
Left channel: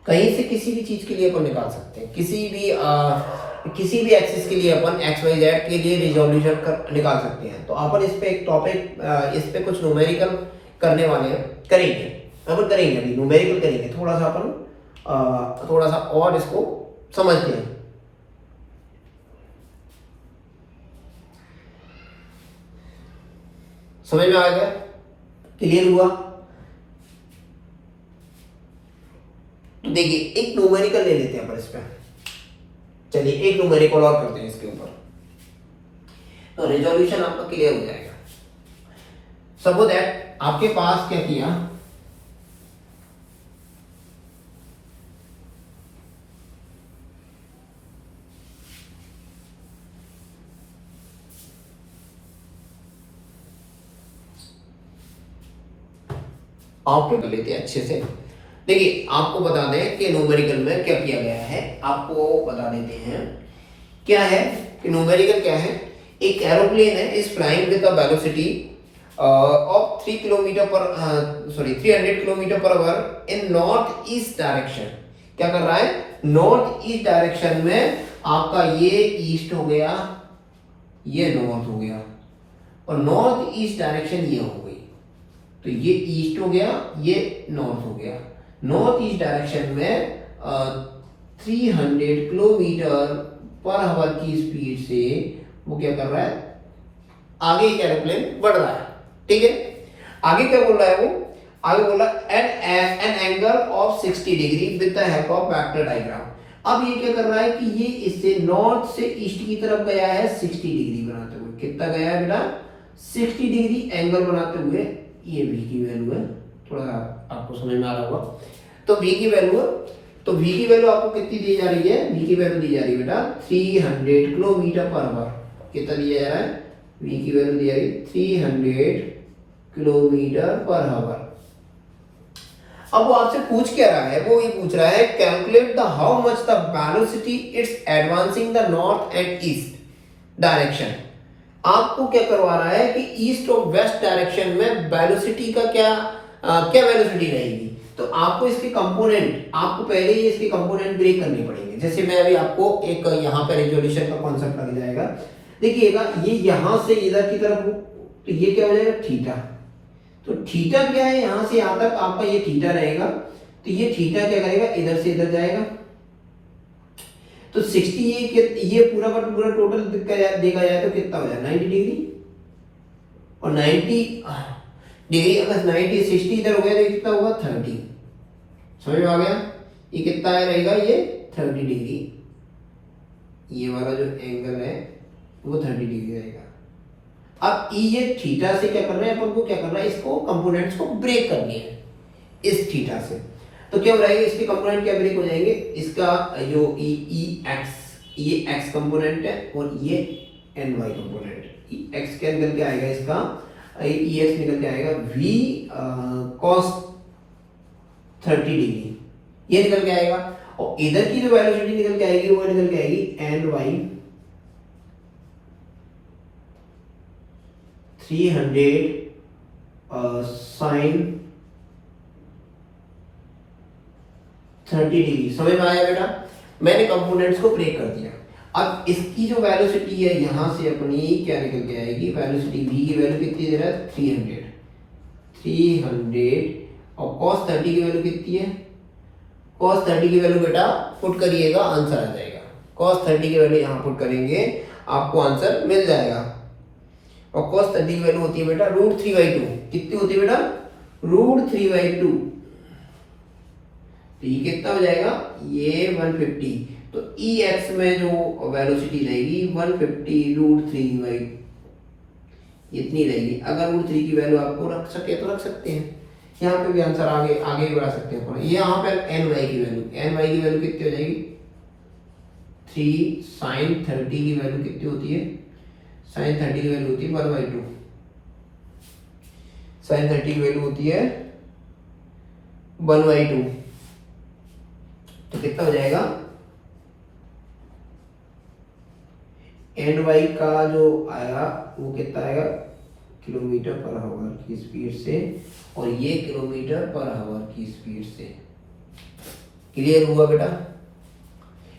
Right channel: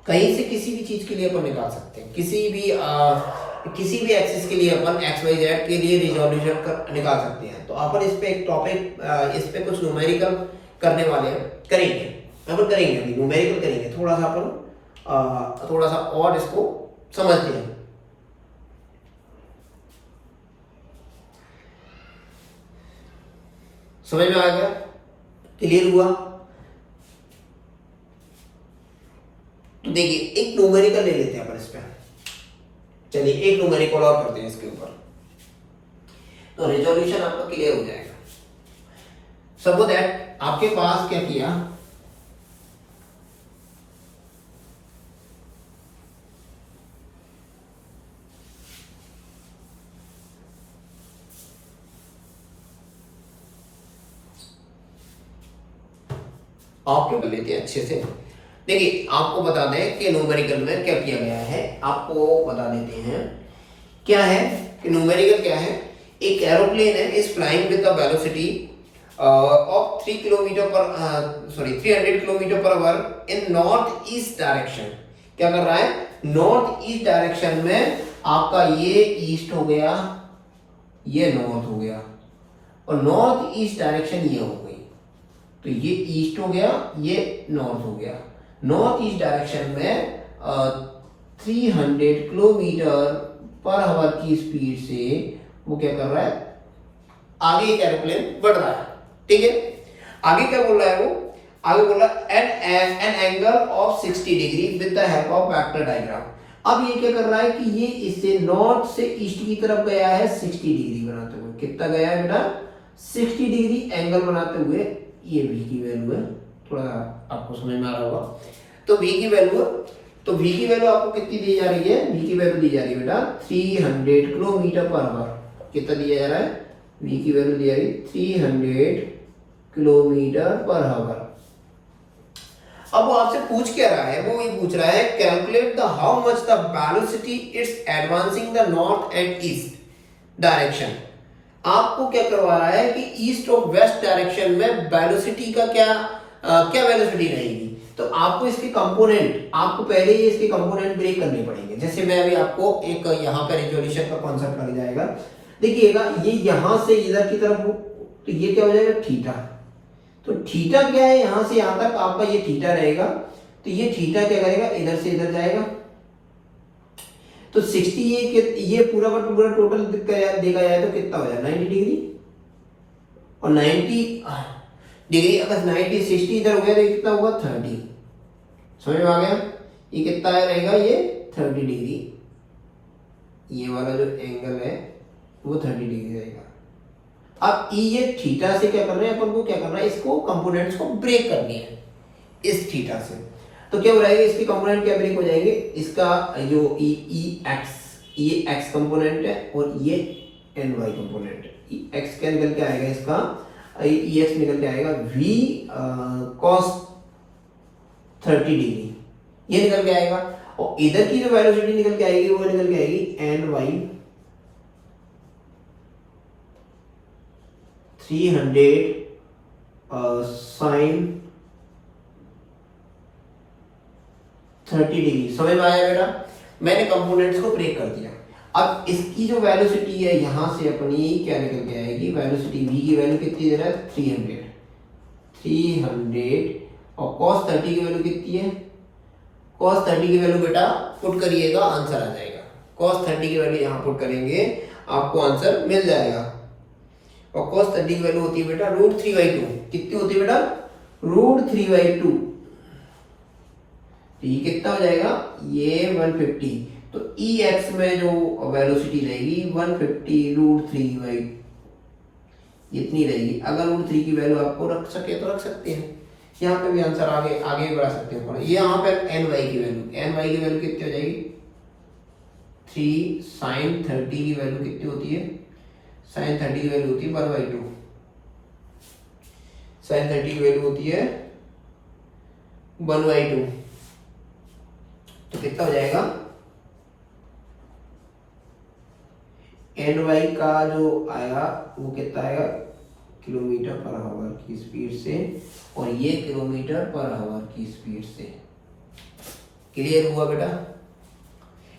कहीं से किसी भी चीज के लिए अपन निकाल सकते हैं, किसी भी किसी भी एक्सिस के लिए अपन एक्स वाई जेड के लिए रिजोल्यूशन कर निकाल सकते हैं। तो अपन इस पे एक टॉपिक, इस पे कुछ न्यूमेरिकल करने वाले हैं, करेंगे अपन, करेंगे अभी न्यूमेरिकल करेंगे, थोड़ा सा अपन थोड़ा सा और इसको समझते हैं। समझ में आ गया, क्लियर हुआ? तो देखिए एक न्यूमेरिकल ले लेते हैं अपन इस पे, चलिए एक न्यूमेरिकल और करते हैं इसके ऊपर, तो रिजोल्यूशन आपका क्लियर हो जाएगा। सपोज दैट आपके पास क्या किया, आपके कर लेते हैं अच्छे से। देखिए आपको बता दें कि न्यूमेरिकल में क्या किया गया है, आपको बता देते हैं क्या है कि न्यूमेरिकल क्या है। एक एरोप्लेन है is flying with a velocity of 300 kilometre per our in north east direction. क्या कर रहा है, नॉर्थ ईस्ट डायरेक्शन में, आपका ये ईस्ट हो गया, ये नॉर्थ हो गया, और नॉर्थ ईस्ट डायरेक्शन ये हो गई, तो ये ईस्ट हो गया, ये नॉर्थ हो गया। नॉर्थ ईस्ट डायरेक्शन में 300 किलोमीटर पर आवर की स्पीड से वो क्या कर रहा है, आगे एक एरोप्लेन बढ़ रहा है, ठीक है। आगे क्या बोल रहा है वो, आगे बोल रहा है an angle of 60 degree with the help of vector diagram. अब ये क्या कर रहा है कि ये इससे नॉर्थ से ईस्ट की तरफ गया है 60 डिग्री बनाते हुए। कितना गया है बेटा, 60 डिग्री एंगल बनाते हुए। ये v की वैल्यू है, थोड़ा आपको समझ में आ रहा होगा। तो v की वैल्यू है, तो v की वैल्यू आपको कितनी दी जा रही है, v की वैल्यू दी जा रही है बेटा 300 किलोमीटर पर आवर। कितना दिया जा रहा है, v की वैल्यू दी जा रही है 300 किलोमीटर पर आवर। अब वो आपसे पूछ क्या रहा है, वो ये पूछ रहा है calculate the how much the velocity it's advancing the north and east direction. आपको क्या करवा रहा है कि ईस्ट और वेस्ट डायरेक्शन में वेलोसिटी का क्या वेलोसिटी रहेगी। तो आपको इसके कंपोनेंट, आपको पहले ही इसके कंपोनेंट ब्रेक करने पड़ेंगे। जैसे मैं अभी आपको एक यहाँ पे रिजोल्यूशन का कॉन्सेप्ट लग जाएगा, देखिएगा ये यहां से इधर की तरफ हो, तो ये क्या हो जाएगा थीटा। तो थीटा क्या है, यहां से यहां तक आपका ये थीटा रहेगा, तो ये थीटा क्या करेगा, इधर से इधर जाएगा। तो 60 ये पूरा का पूरा टोटल देखा जाए तो कितना हो जाए 90 डिग्री, और 90 डिग्री अगर 90 60 इधर हो गया तो कितना होगा 30। समझ में आ गया, ये कितना रहेगा, ये 30 डिग्री, ये वाला जो एंगल है वो 30 डिग्री रहेगा। अब ये थीटा से क्या कर रहे हैं अपन को, क्या कर रहा है, इसको कंपोनेंट्स को ब्रेक करनी है इस थीटा से। तो क्या हो रहेगा, इसके कंपोनेंट क्या ब्रेक हो जाएंगे, इसका जो ये एक्स कंपोनेंट है और ये एन वाई कंपोनेंट। एक्स के अंदर क्या आएगा, इसका एक्स निकल के आएगा v cos 30 डिग्री, ये निकल के आएगा। और इधर की जो वेलोसिटी निकल के आएगी वो निकल के आएगी एन वाई 300 साइन 30 डिग्री। समझ में आया बेटा, मैंने कंपोनेंट्स को ब्रेक कर दिया। अब इसकी जो वेलोसिटी है यहां से अपनी क्या निकल के आएगी, वेलोसिटी v की वैल्यू कितनी दे रहा है 300 और cos 30 की वैल्यू कितनी है, cos 30 की वैल्यू बेटा पुट करिएगा आंसर आ जाएगा। cos 30 की वैल्यू यहां पुट करेंगे आपको आंसर मिल जाएगा। और cos 30 की वैल्यू होती है बेटा √3/2। कितनी होती है बेटा, √3/2। तो ये कितना हो जाएगा, ये 150। तो ex में जो वेलोसिटी रहेगी 150 √3/2 इतनी रहेगी। अगर √3 की वैल्यू आपको रख सके तो रख सकते हैं, यहाँ पे भी आंसर आगे आगे बढ़ा सकते हैं थोड़ा। ये यहाँ पे ny की वैल्यू कितनी हो जाएगी, 3 sin 30 की वैल्यू कितनी होती है, sin 30 की वैल्यू होती है 1/2। sin 30 की वैल्यू होती है 1/2। तो कितना हो जाएगा, ny का जो आएगा वो कितना आएगा, किलोमीटर पर आवर की स्पीड से, और ये किलोमीटर पर आवर की स्पीड से। क्लियर हुआ बेटा,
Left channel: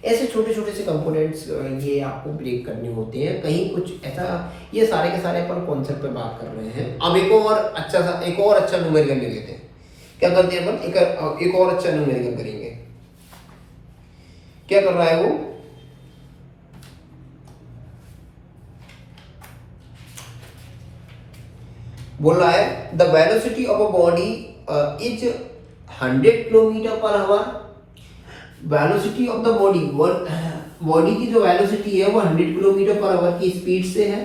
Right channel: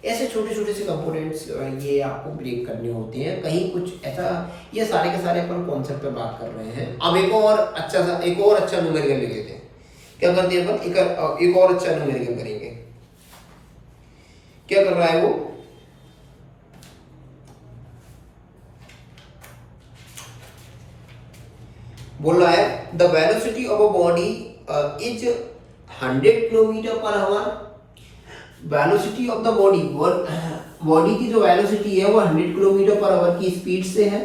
ऐसे छोटे छोटे से कंपोनेंट्स ये आपको ब्रेक करने होते हैं। कहीं कुछ ऐसा, ये सारे के सारे अपन कॉन्सेप्ट पे बात कर रहे हैं। अब एक और अच्छा न्यूमेरिकल ले लेते हैं। क्या करते हैं अपन, एक और अच्छा न्यूमेरिकल करेंगे। क्या कर रहा है वो, बोल रहा है the velocity of a body is 100 kilometre per our. Velocity of the body की जो वेलोसिटी है वो 100 किलोमीटर पर आवर की स्पीड से है,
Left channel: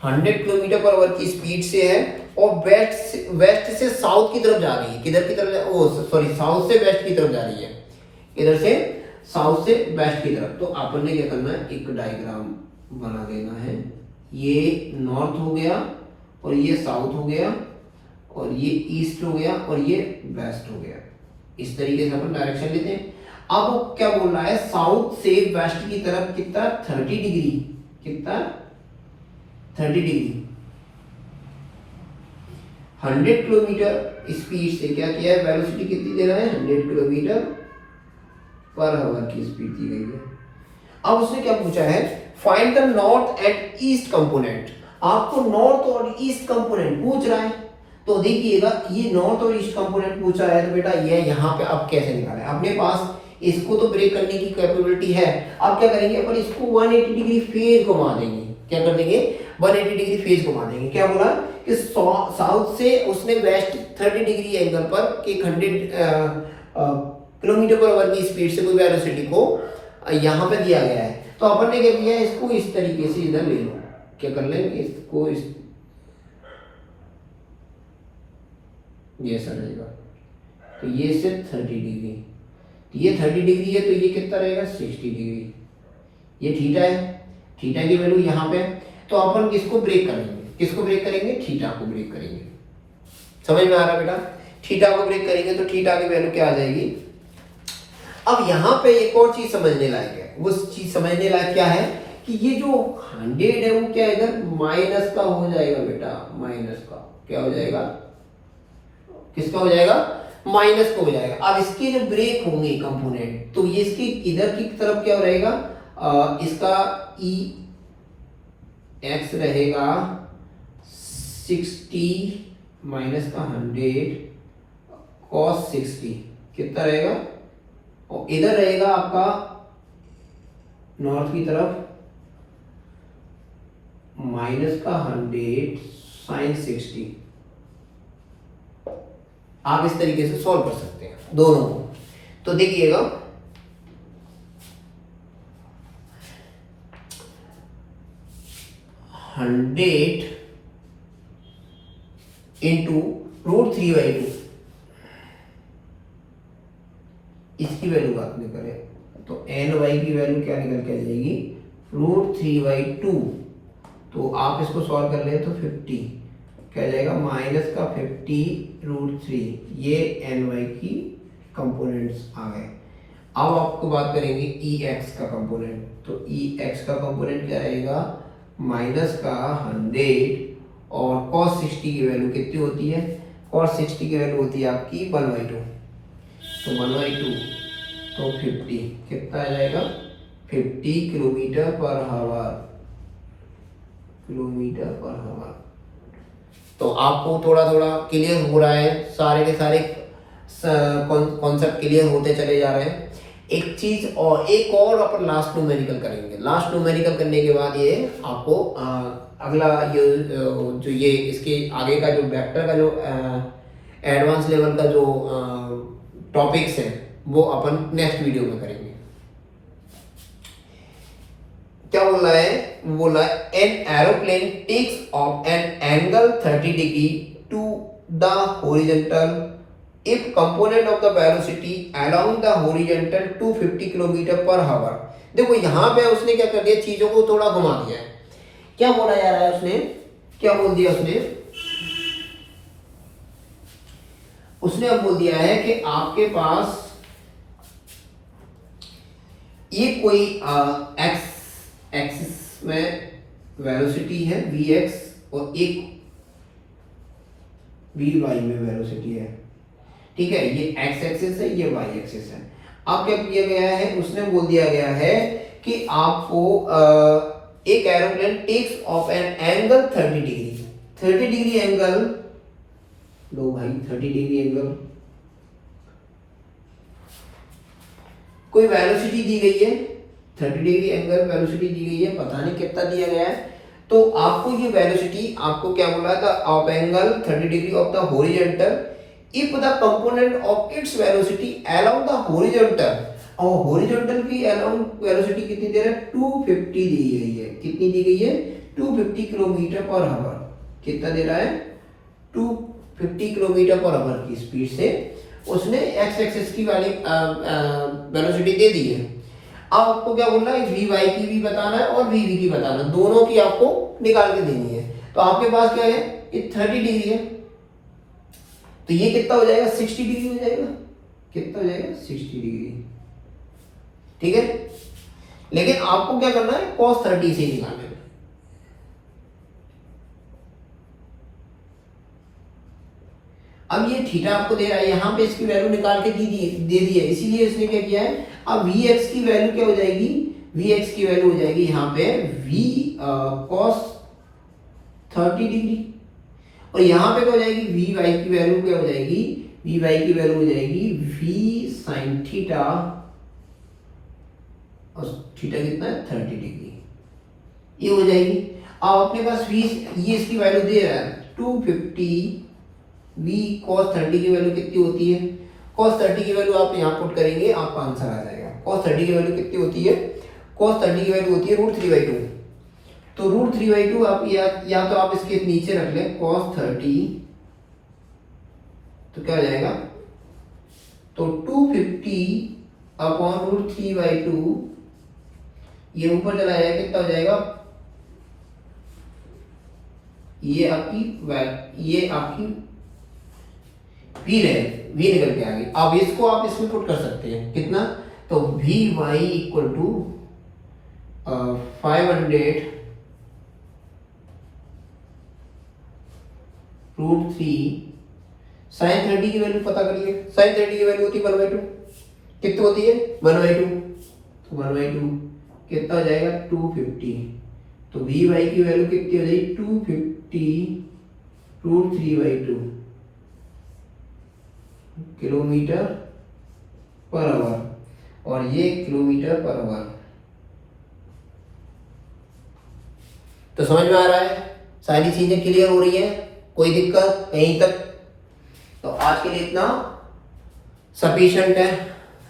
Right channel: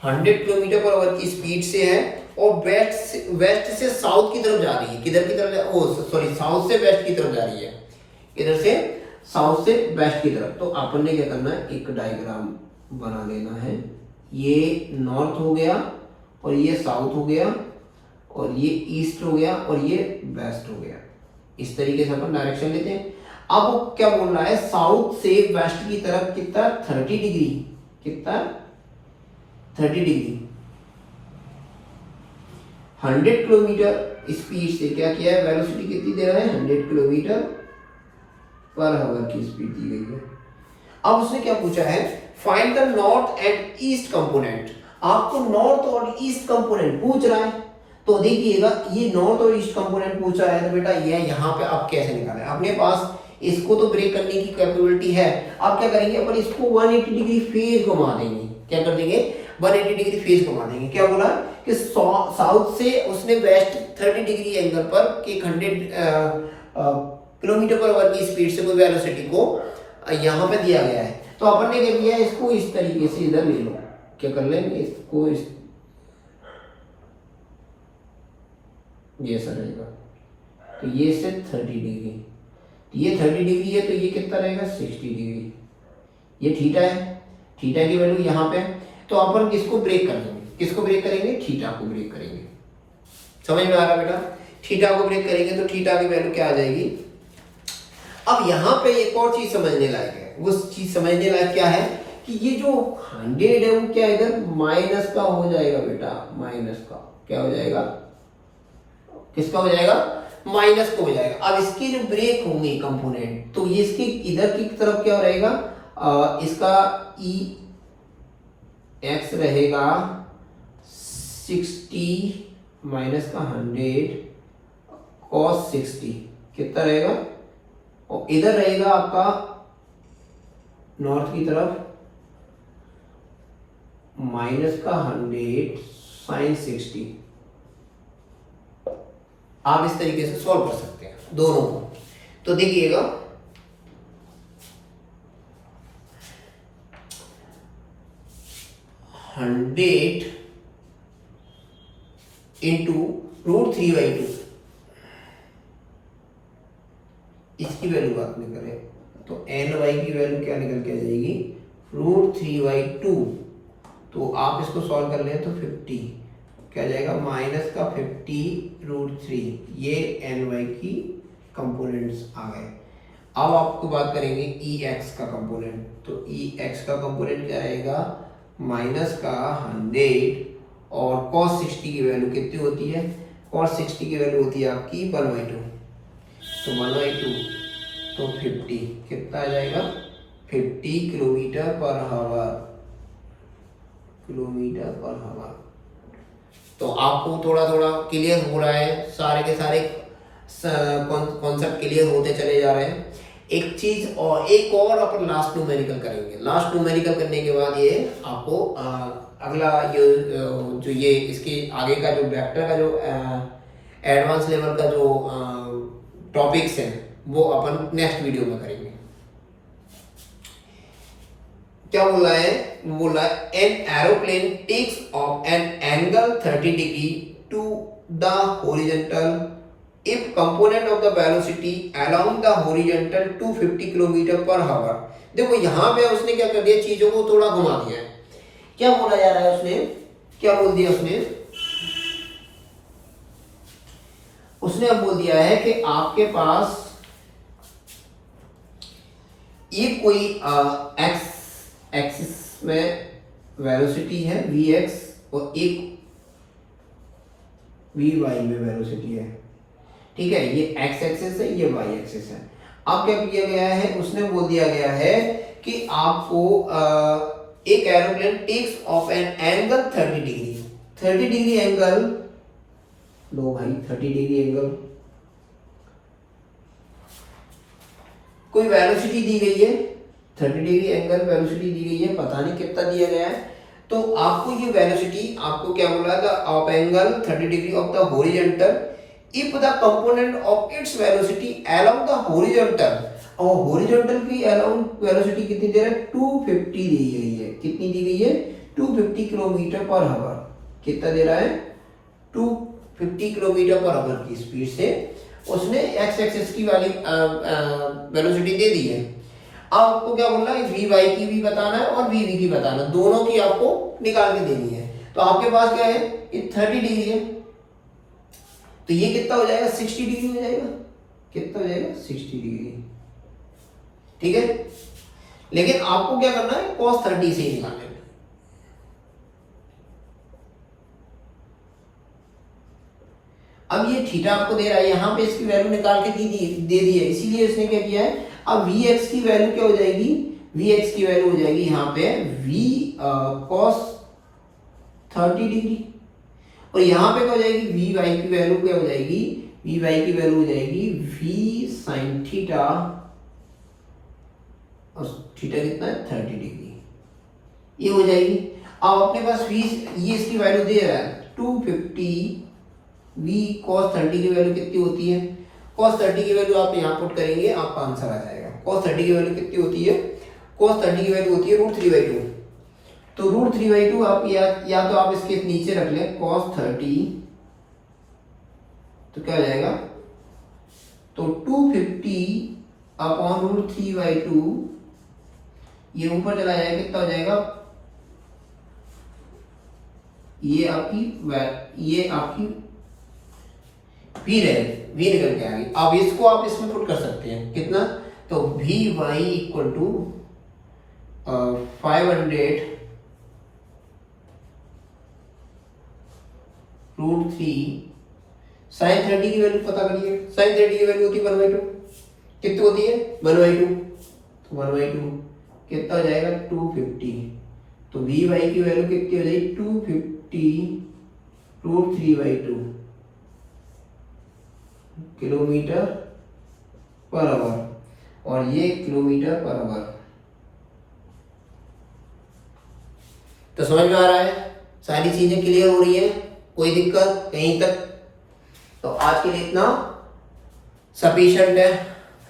100 किलोमीटर पर आवर की स्पीड से है, और वेस्ट से साउथ की तरफ जा रही है। किधर की तरफ, साउथ से वेस्ट की तरफ जा रही है। इधर से साउथ से वेस्ट की तरफ। तो अपन ने क्या करना है, एक डायग्राम बना देना है। ये नॉर्थ हो गया, और ये साउथ हो गया, और ये ईस्ट हो गया, और ये वेस्ट हो गया। इस तरीके से अपन डायरेक्शन लेते हैं। अब वो क्या बोल रहा है, साउथ से वेस्ट की तरफ कितना, 30 डिग्री, कितना 30 डिग्री, 100 किलोमीटर स्पीड से क्या किया है, वेलोसिटी कितनी दे रहा है, 100 किलोमीटर पर आवर की स्पीड दी गई है। अब उसने क्या पूछा है, find the north and east component. आपको नॉर्थ और ईस्ट कंपोनेंट पूछ रहा है। तो देखिएगा, ये नॉर्थ और ईस्ट कंपोनेंट पूछा है तो बेटा ये यहाँ पे आप कैसे निकालें, अपने पास इसको तो ब्रेक करने की कैपेबिलिटी है। अब क्या करेंगे अपन, इसको 180 डिग्री फेज घुमा देंगे। क्या कर देंगे, 180 डिग्री फेज घुमा देंगे। क्या बोला कि साउथ से उसने वेस्ट 30 डिग्री एंगल पर कि 100 किलोमीटर पर आवर की स्पीड से कोई वेलोसिटी को यहाँ पे दिया गया है। तो अपन ने क्या किया, इसको इस तरीके से इधर ले लो। क्या कर लेंगे, इसको ये सर रहेगा, तो ये से 30 डिग्री, ये 30 डिग्री है, तो ये कितना रहेगा, 60 डिग्री। ये थीटा है, थीटा की वैल्यू यहाँ पे। तो अपन किसको ब्रेक करेंगे, किसको ब्रेक करेंगे, थीटा को ब्रेक करेंगे। समझ में आ रहा है बेटा, थीटा को ब्रेक करेंगे तो थीटा की वैल्यू क्या आ जाएगी। अब यहाँ पे एक और चीज समझने लायक है। वो चीज समझने लायक क्या है कि ये जो 100 है वो क्या इधर माइनस का हो जाएगा बेटा, माइनस का क्या हो जाएगा, किसका हो जाएगा, माइनस का हो जाएगा। अब इसके जो ब्रेक होंगे कंपोनेंट, तो ये इसकी इधर की तरफ क्या रहेगा, इसका ई एक्स रहेगा 60 माइनस का 100 cos 60 कितना रहेगा, और इधर रहेगा आपका नॉर्थ की तरफ माइनस का 100 sin 60। आप इस तरीके से सॉल्व कर सकते हैं दोनों को। तो देखिएगा, हंड्रेड इंटू √3/2, इसकी वैल्यू बात में करें तो ny की वैल्यू क्या निकल के आ जाएगी, √3/2। तो आप इसको सॉल्व कर ले तो 50 क्या जाएगा, माइनस का 50√3। ये ny की कंपोनेंट्स आ गए। अब आपको बात करेंगे ex का कंपोनेंट। तो ex का कंपोनेंट क्या रहेगा, माइनस का 100 और cos 60 की वैल्यू कितनी होती है, cos 60 की वैल्यू होती है आपकी 1/2। तो 1/2 तो 50 कितना आ जाएगा, 50 kilometre per our, kilometre per our. तो आपको थोड़ा थोड़ा क्लियर हो रहा है, सारे के सारे कॉन्सेप्ट क्लियर होते चले जा रहे हैं। एक चीज और, एक और अपन लास्ट न्यूमेरिकल करेंगे। लास्ट न्यूमेरिकल करने के बाद ये आपको अगला ये जो ये इसके आगे का जो वेक्टर का जो एडवांस लेवल का जो टॉपिक्स हैं वो अपन नेक्स्ट वीडियो में करेंगे। क्या बोल रहा है, बोल रहा है an aeroplane takes off an angle 30 degree to the horizontal if component of the velocity along the horizontal 250 kilometre per hour. देखो यहाँ पे उसने क्या कर दिया, चीजों को थोड़ा घुमा दिया है। क्या बोला जा रहा है उसने, क्या बोल दिया उसने अब बोल दिया है कि आपके पास ये कोई एक्स एक्सिस में वेलोसिटी है vx और एक vy में वेलोसिटी है। ठीक है, ये x एक्सिस है, ये y एक्सिस है। अब क्या किया गया है, उसने बोल दिया गया है कि आपको एक aeroplane takes off an angle 30 degree, 30 degree angle लो भाई, 30 डिग्री एंगल, कोई वेलोसिटी दी गई है, 30 डिग्री एंगल वेलोसिटी दी गई है, पता नहीं कितना दिया गया है। तो आपको ये वेलोसिटी आपको क्या बोला था, of angle 30 degree of the horizontal if the component of its velocity along the horizontal, और हॉरिजॉन्टल की अलोंग वेलोसिटी कितनी दे रहा है, 250 दी गई है, कितनी दी गई है, 250 किलोमीटर पर आवर, कितना दे रहा है, 250 किलोमीटर पर आवर की स्पीड से उसने एक्स एक्सिस की वाली वेलोसिटी दे दी है। अब आपको क्या बोलना है, वी वाई की भी बताना है और वी वी की बताना है, दोनों की आपको निकाल के देनी है। तो आपके पास क्या है, ये 30 डिग्री है, तो ये कितना हो जाएगा, 60 डिग्री हो जाएगा, कितना हो जाएगा, 60 डिग्री, ठीक है। लेकिन आपको क्या करना है, cos 30 से निकालना है। अब ये थीटा आपको दे रहा है, यहां पे इसकी वैल्यू निकाल के दे दी है, इसीलिए उसने क्या किया है, अब वी एक्स की वैल्यू क्या हो जाएगी, वी एक्स की वैल्यू हो जाएगी यहाँ पे वी cos 30 डिग्री, और यहाँ पे क्या हो जाएगी, वी वाई की वैल्यू क्या हो जाएगी, वी वाई की वैल्यू हो जाएगी वी साइन थीटा, और थीटा कितना है, 30 डिग्री, ये हो जाएगी। अब अपने पास वी, ये इसकी वैल्यू दे रहा है 250, वी cos 30 की वैल्यू कितनी होती है, cos 30 की वैल्यू आप यहाँ पुट करेंगे, आपका आंसर आ जाएगा। cos 30 की वैल्यू कितनी होती है, cos 30 की वैल्यू होती है √3/2, तो √3/2 आप या तो आप इसके नीचे रख लें cos 30, तो क्या हो जाएगा, तो 250 अपॉन √3/2, ये ऊपर चला जाएगा, कितना हो जाएगा, ये आपकी वी निकल के आएगी। अब इसको आप इसमें पुट कर सकते हैं, कितना, तो V Y equal to 500 √3 sine 30 की वैल्यू पता करिए, साइन 30 की वैल्यू होती है 1/2, कितनी होती है, 1/2, तो 1/2 कितना हो जाएगा, 250, तो वी वाई की वैल्यू कितनी हो जाएगी, 250 √3/2 किलोमीटर पर आवर, और ये किलोमीटर पर आवर। तो समझ में आ रहा है, सारी चीजें क्लियर हो रही है, कोई दिक्कत यहीं तक, तो आज के लिए इतना सफिशिएंट है।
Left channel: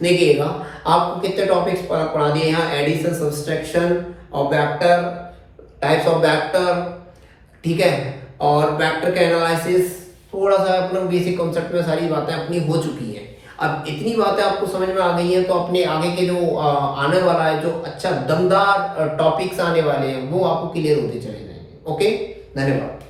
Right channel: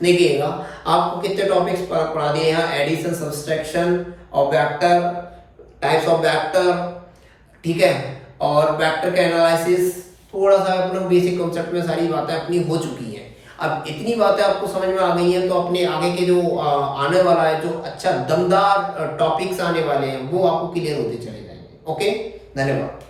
देखिएगा आपको कितने टॉपिक्स पढ़ा दिए यहाँ, addition, subtraction of vector, types of vector, ठीक है, और वेक्टर का एनालिसिस, थोड़ा सा अपना बेसिक कॉन्सेप्ट में सारी बातें अपनी हो चुकी हैं। अब इतनी बातें आपको समझ में आ गई हैं, तो अपने आगे के जो आने वाला है, जो अच्छा दमदार टॉपिक्स आने वाले हैं, वो आपको क्लियर होते चले जाएंगे। ओके, धन्यवाद।